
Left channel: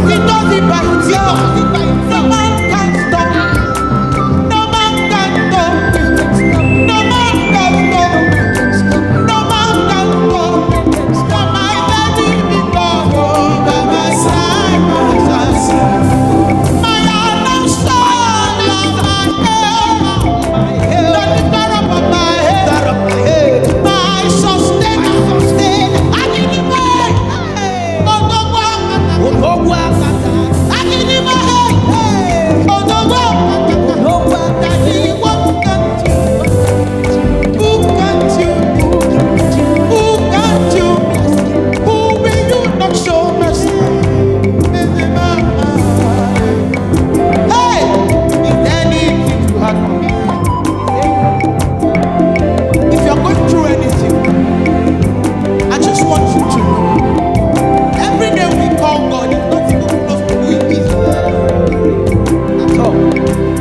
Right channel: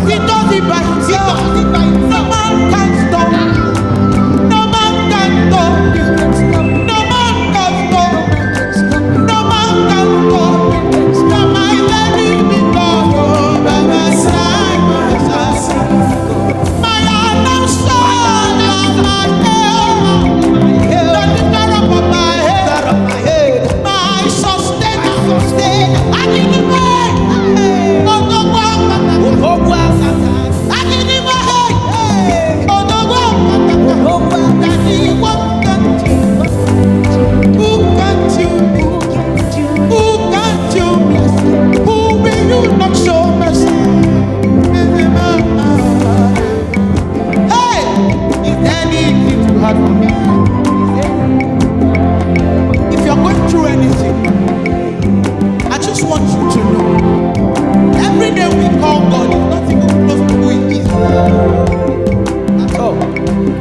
He does it by himself. No man can stop. No man can stop. No man can stop. No man can stop. No my baby because by my side, by my side. My announcer, my head, the lifter up of my head, my sustainer. I give you my Odogwa kata, Agiriba hey, Odogwa daddy, what can't you? Who can't you lift? Who can't you bless? Who will you not show mercy? Hey, is there anything too hard for me? If you're going through anything, I just want you to know. Every day we call God is not even close to who He is at all.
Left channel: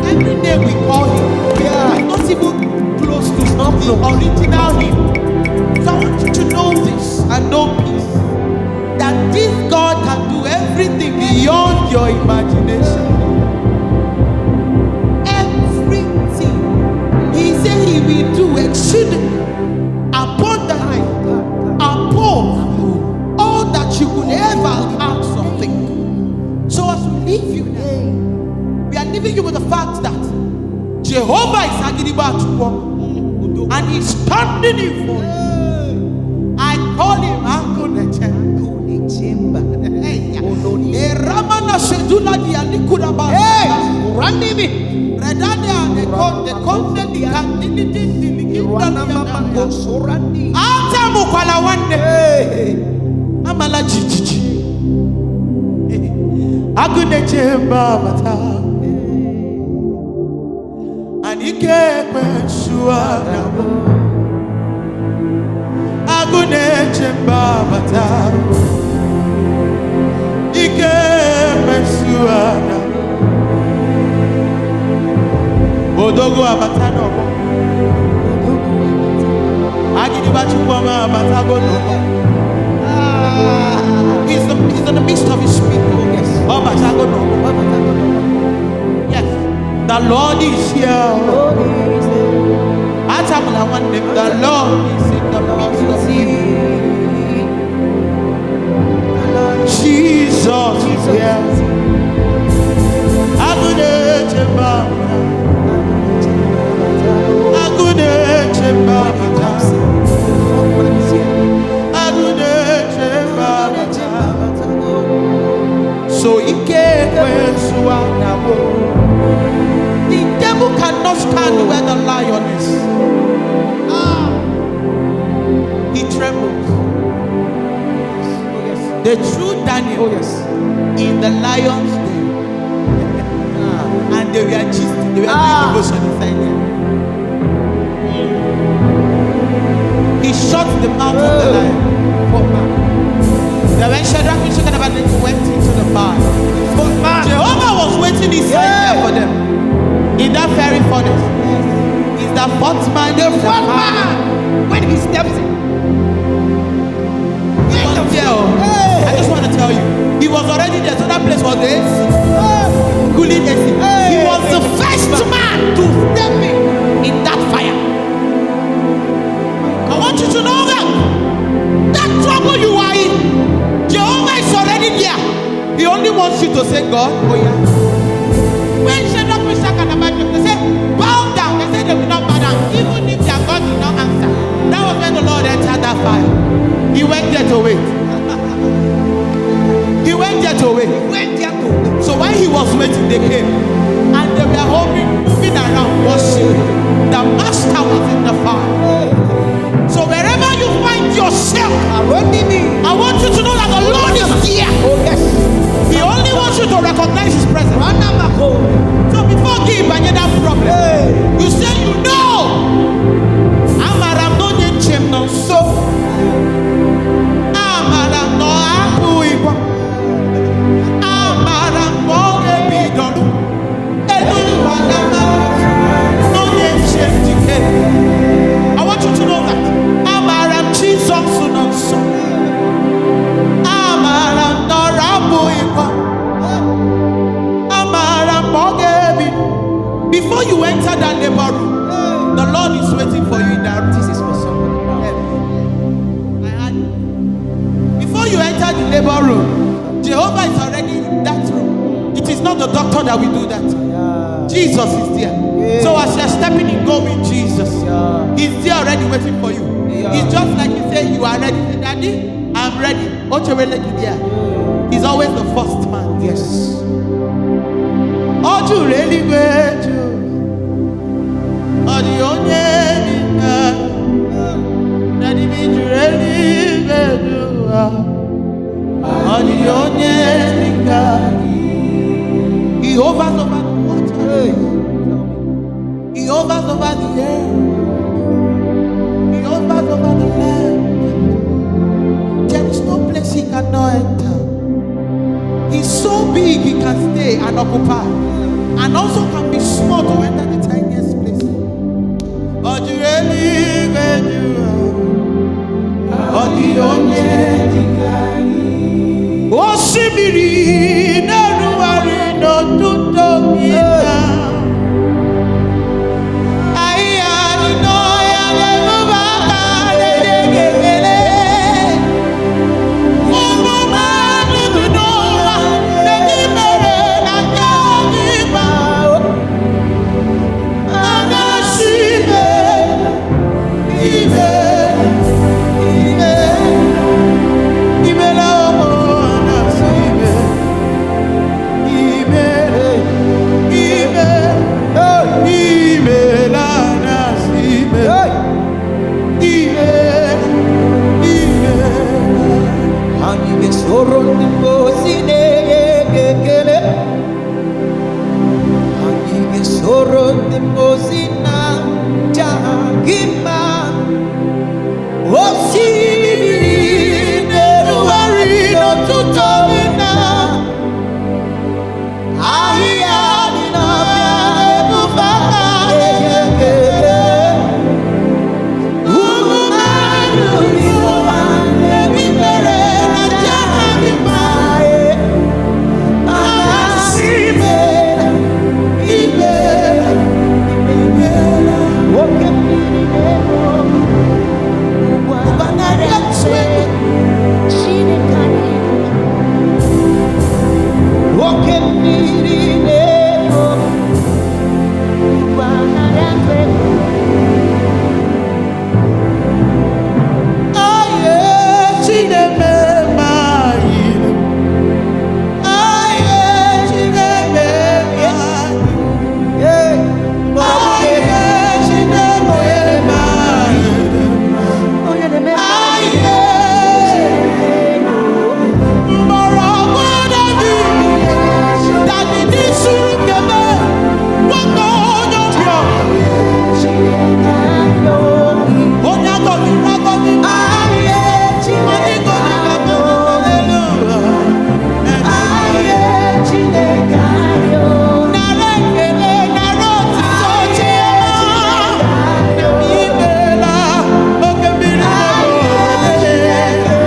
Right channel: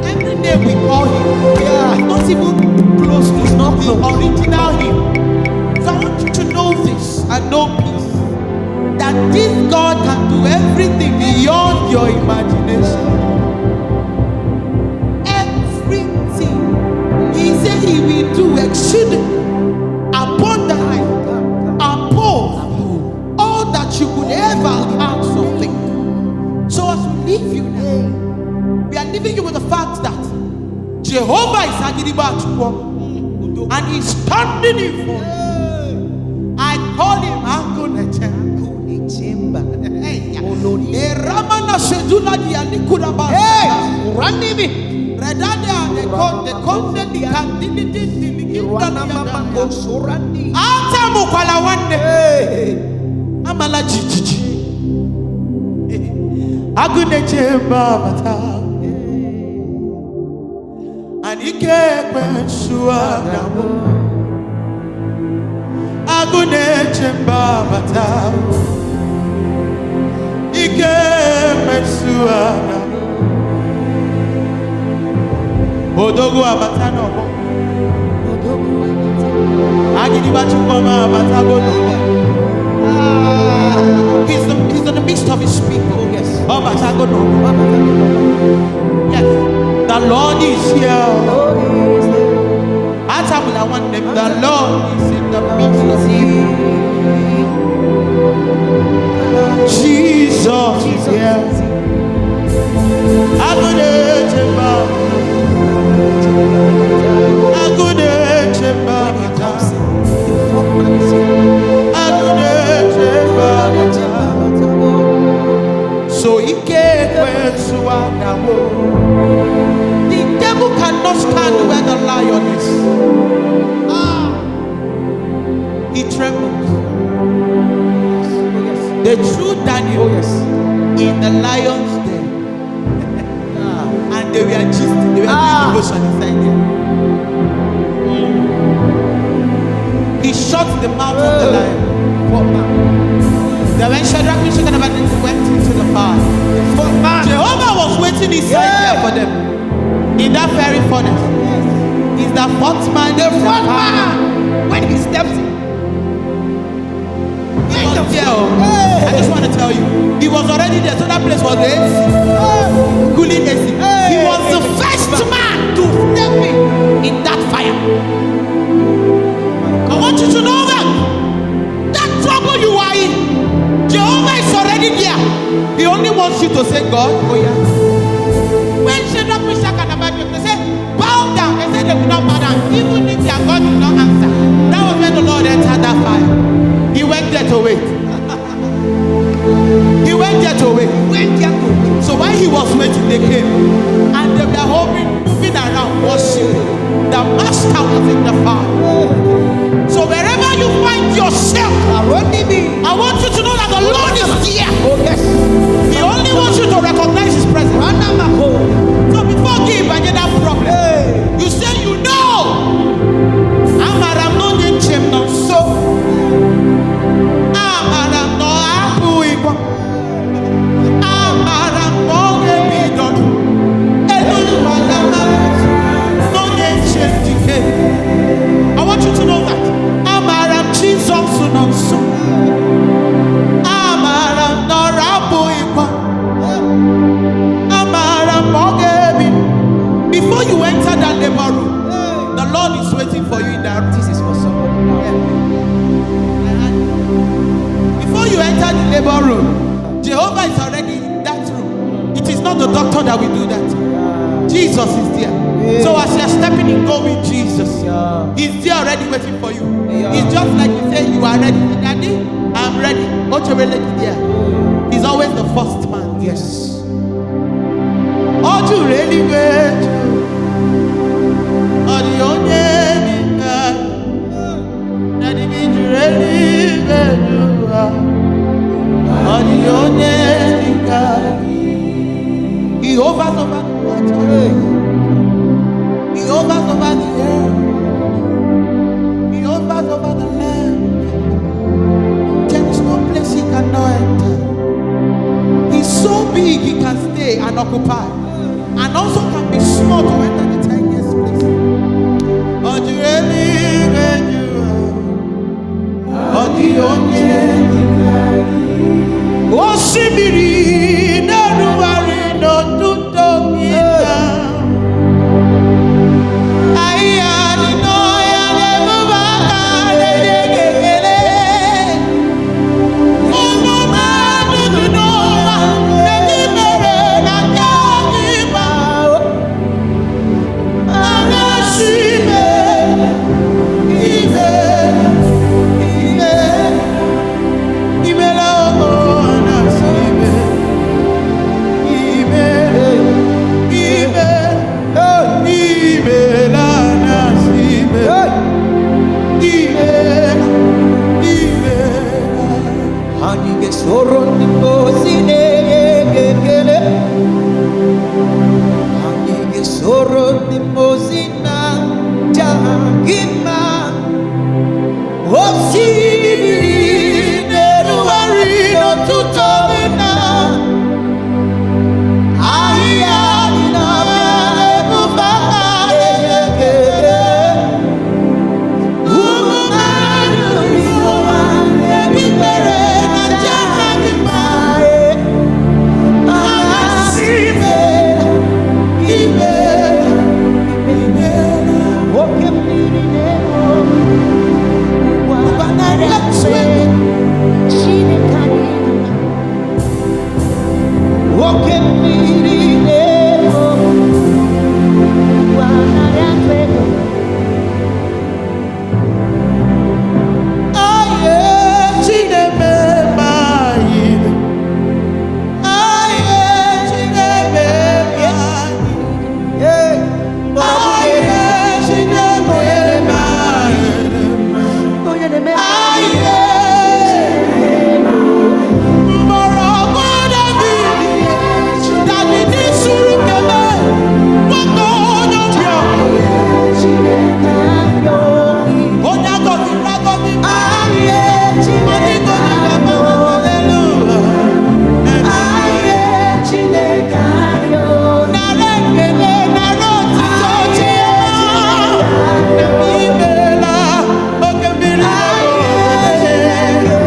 Every day we call Him, it's not even close to the original Him. So I want you to know this and know peace, that this God can do everything beyond your imagination. Everything He said He will do exceedingly abundantly above all that you could ever ask something. So as we leave you now, we are leaving you with the fact that Jehovah is Agiriba Chukwu and He's standing in for you. I call Him Angunechemba. Ramana Shedula Dialikuda Bas. Ranimi. Redada the conde the candidate the Atamu Kwalawane. Amala Jiji. Agunechemba Bata. Anike Kwensua Nabo. Agunechemba Bata. Ike Kwensua Nabo. Odogu Abata Nobo. Agiriba Chukwu Abata Go Nobo. He's in the midst of his people. Oh, yes. Oh, but I go no. Yes. The Lord is here. Lord is there. I want them. The Lord is in the midst of you. Jesus is here. I go there, Chemba. I go there, Chemba. When he comes in, the fourth man is here. I go there, Chemba. So he came when the devil cannot stand where the lion is. He trembles. Oh yes. They threw Daniel Oh yes. in the lion's den. And they were gisting. They were doing devotion inside there. He shut the mouth of the lion. Fourth man. Then when Shadrach, Meshach, and Abednego went into the fire, The fourth man. Jehovah was waiting inside there for them. In that very furnace. Yes. Is the fourth man. The fourth man. When he steps in. He was there. I just want to tell you, he was already there. So that place was the AC. Cooling AC. He was the first man to step in that fire. I want you to know that trouble you are in, Jehovah is already there. He only wants you to say, God, oh yeah. When Shadrach, Meshach, and Abednego, they say, bow down. They said they will not bow down, even if their God did not answer. That was when the Lord entered that fire. He went there to wait. He went there to wait. So while he was waiting, they came. And they were moving around, worshiping. The master was in the fire. So wherever you find yourself, I want you to know that the Lord is there. Oh yes. He only wants you to recognize his presence. So before you give that problem, you say you know. Amaram no nyechem no so. Amaram no apu ipo. Amaram no gebidolu. Elu walama no nyechem dike. I want you to know that. Amaram Jesus no so. Amaram no apu ipo. Amaram no gebi. Before you enter that labor room, the Lord is waiting for you in that room. This is for somebody now. Yes. Before you enter the labor room, Jehovah is already in that room. It is not the doctor that will do that. Jesus is there. So as you are stepping in, go with Jesus. He's there already waiting for you. It's just like you say, you are ready. Say, Daddy, I'm ready. He's always the first man. Yes. Oh, you really wait. Oh, the only that it means you really wait. Oh, the only he hovers over the water. He hovers over the air. He hovers over the land. There is no place he cannot enter. He's so big he can stay and occupy, and also can be small to enter the tiniest place. Oh, you really good you are. Oh, the only oh, Sibiri, no worry, no to talk it down. I know I never Hanige soron di mosine gekele. Hanige soron di mosina jahagima. Osibiri neruari no tutomina. Ahia di nabia ebufaka gekele. Umumanu di moane bibere. oke mmiri na-ebo ụgwa narị atụ ego. Aye, Chineme mayi. Aye, Chineme mayi. Aye, Chineme mayi. Onye na-eme Aye, Mbarago David. David ni suru keme. Wako onyobio. Onya govi ragovi. Aye, Chineke. Hallelujah. Narekele naroti tochiema. Ibela okembiri nebo.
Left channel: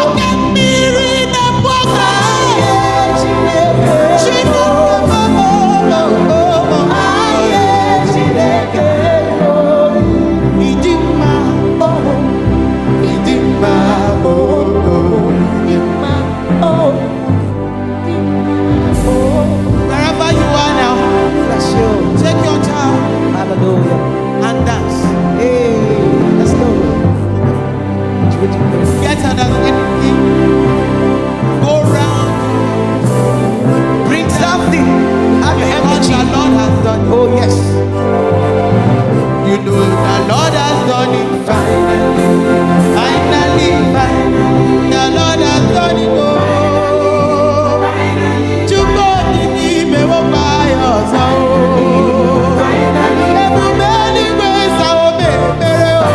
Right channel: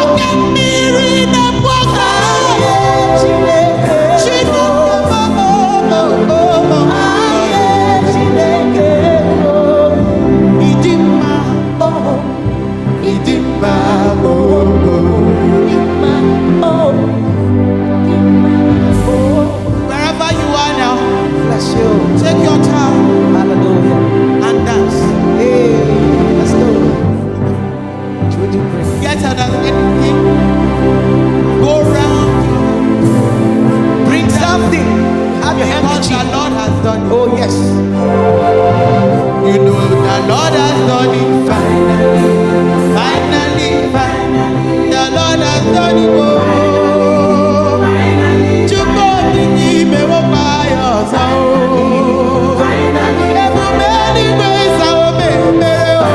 Okembiri nebo. Chineke mama. Idima oh. Idima oh. Wherever you are now, Bless you. take your time Hallelujah. and dance. Hey, let's go. Should we do prayer? Get out of anything. Go round your house. Bring something. Have your Because the handkerchief. Lord has done it. Oh, yes. You know the Lord has done it. Finally, finally, finally. The Lord has done it. Oh, finally. To go in the mewo by us. Oh, finally. Every many ways I will be mere. Oh,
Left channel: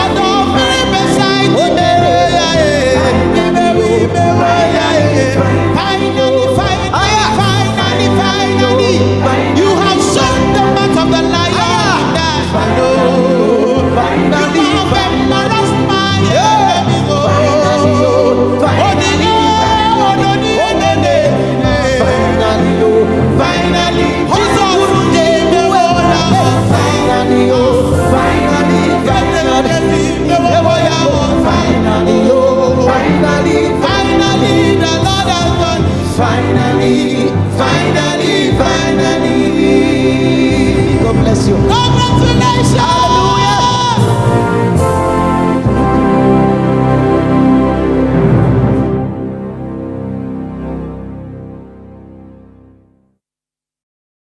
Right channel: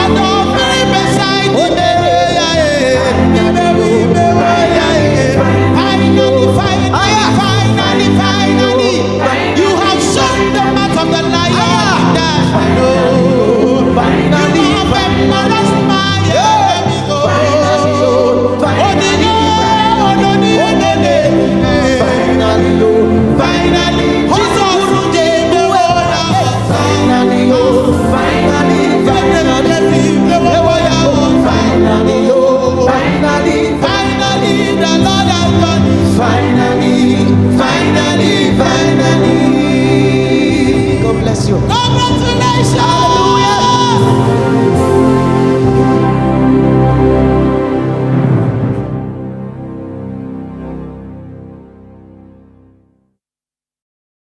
on the very beside the mere. Finally, finally, finally. You have shown the mouth of the lion that I know. Finally, You have embarrassed my enemies. Oh, finally, finally, the Lord has done it. Finally. God bless you. Congratulations.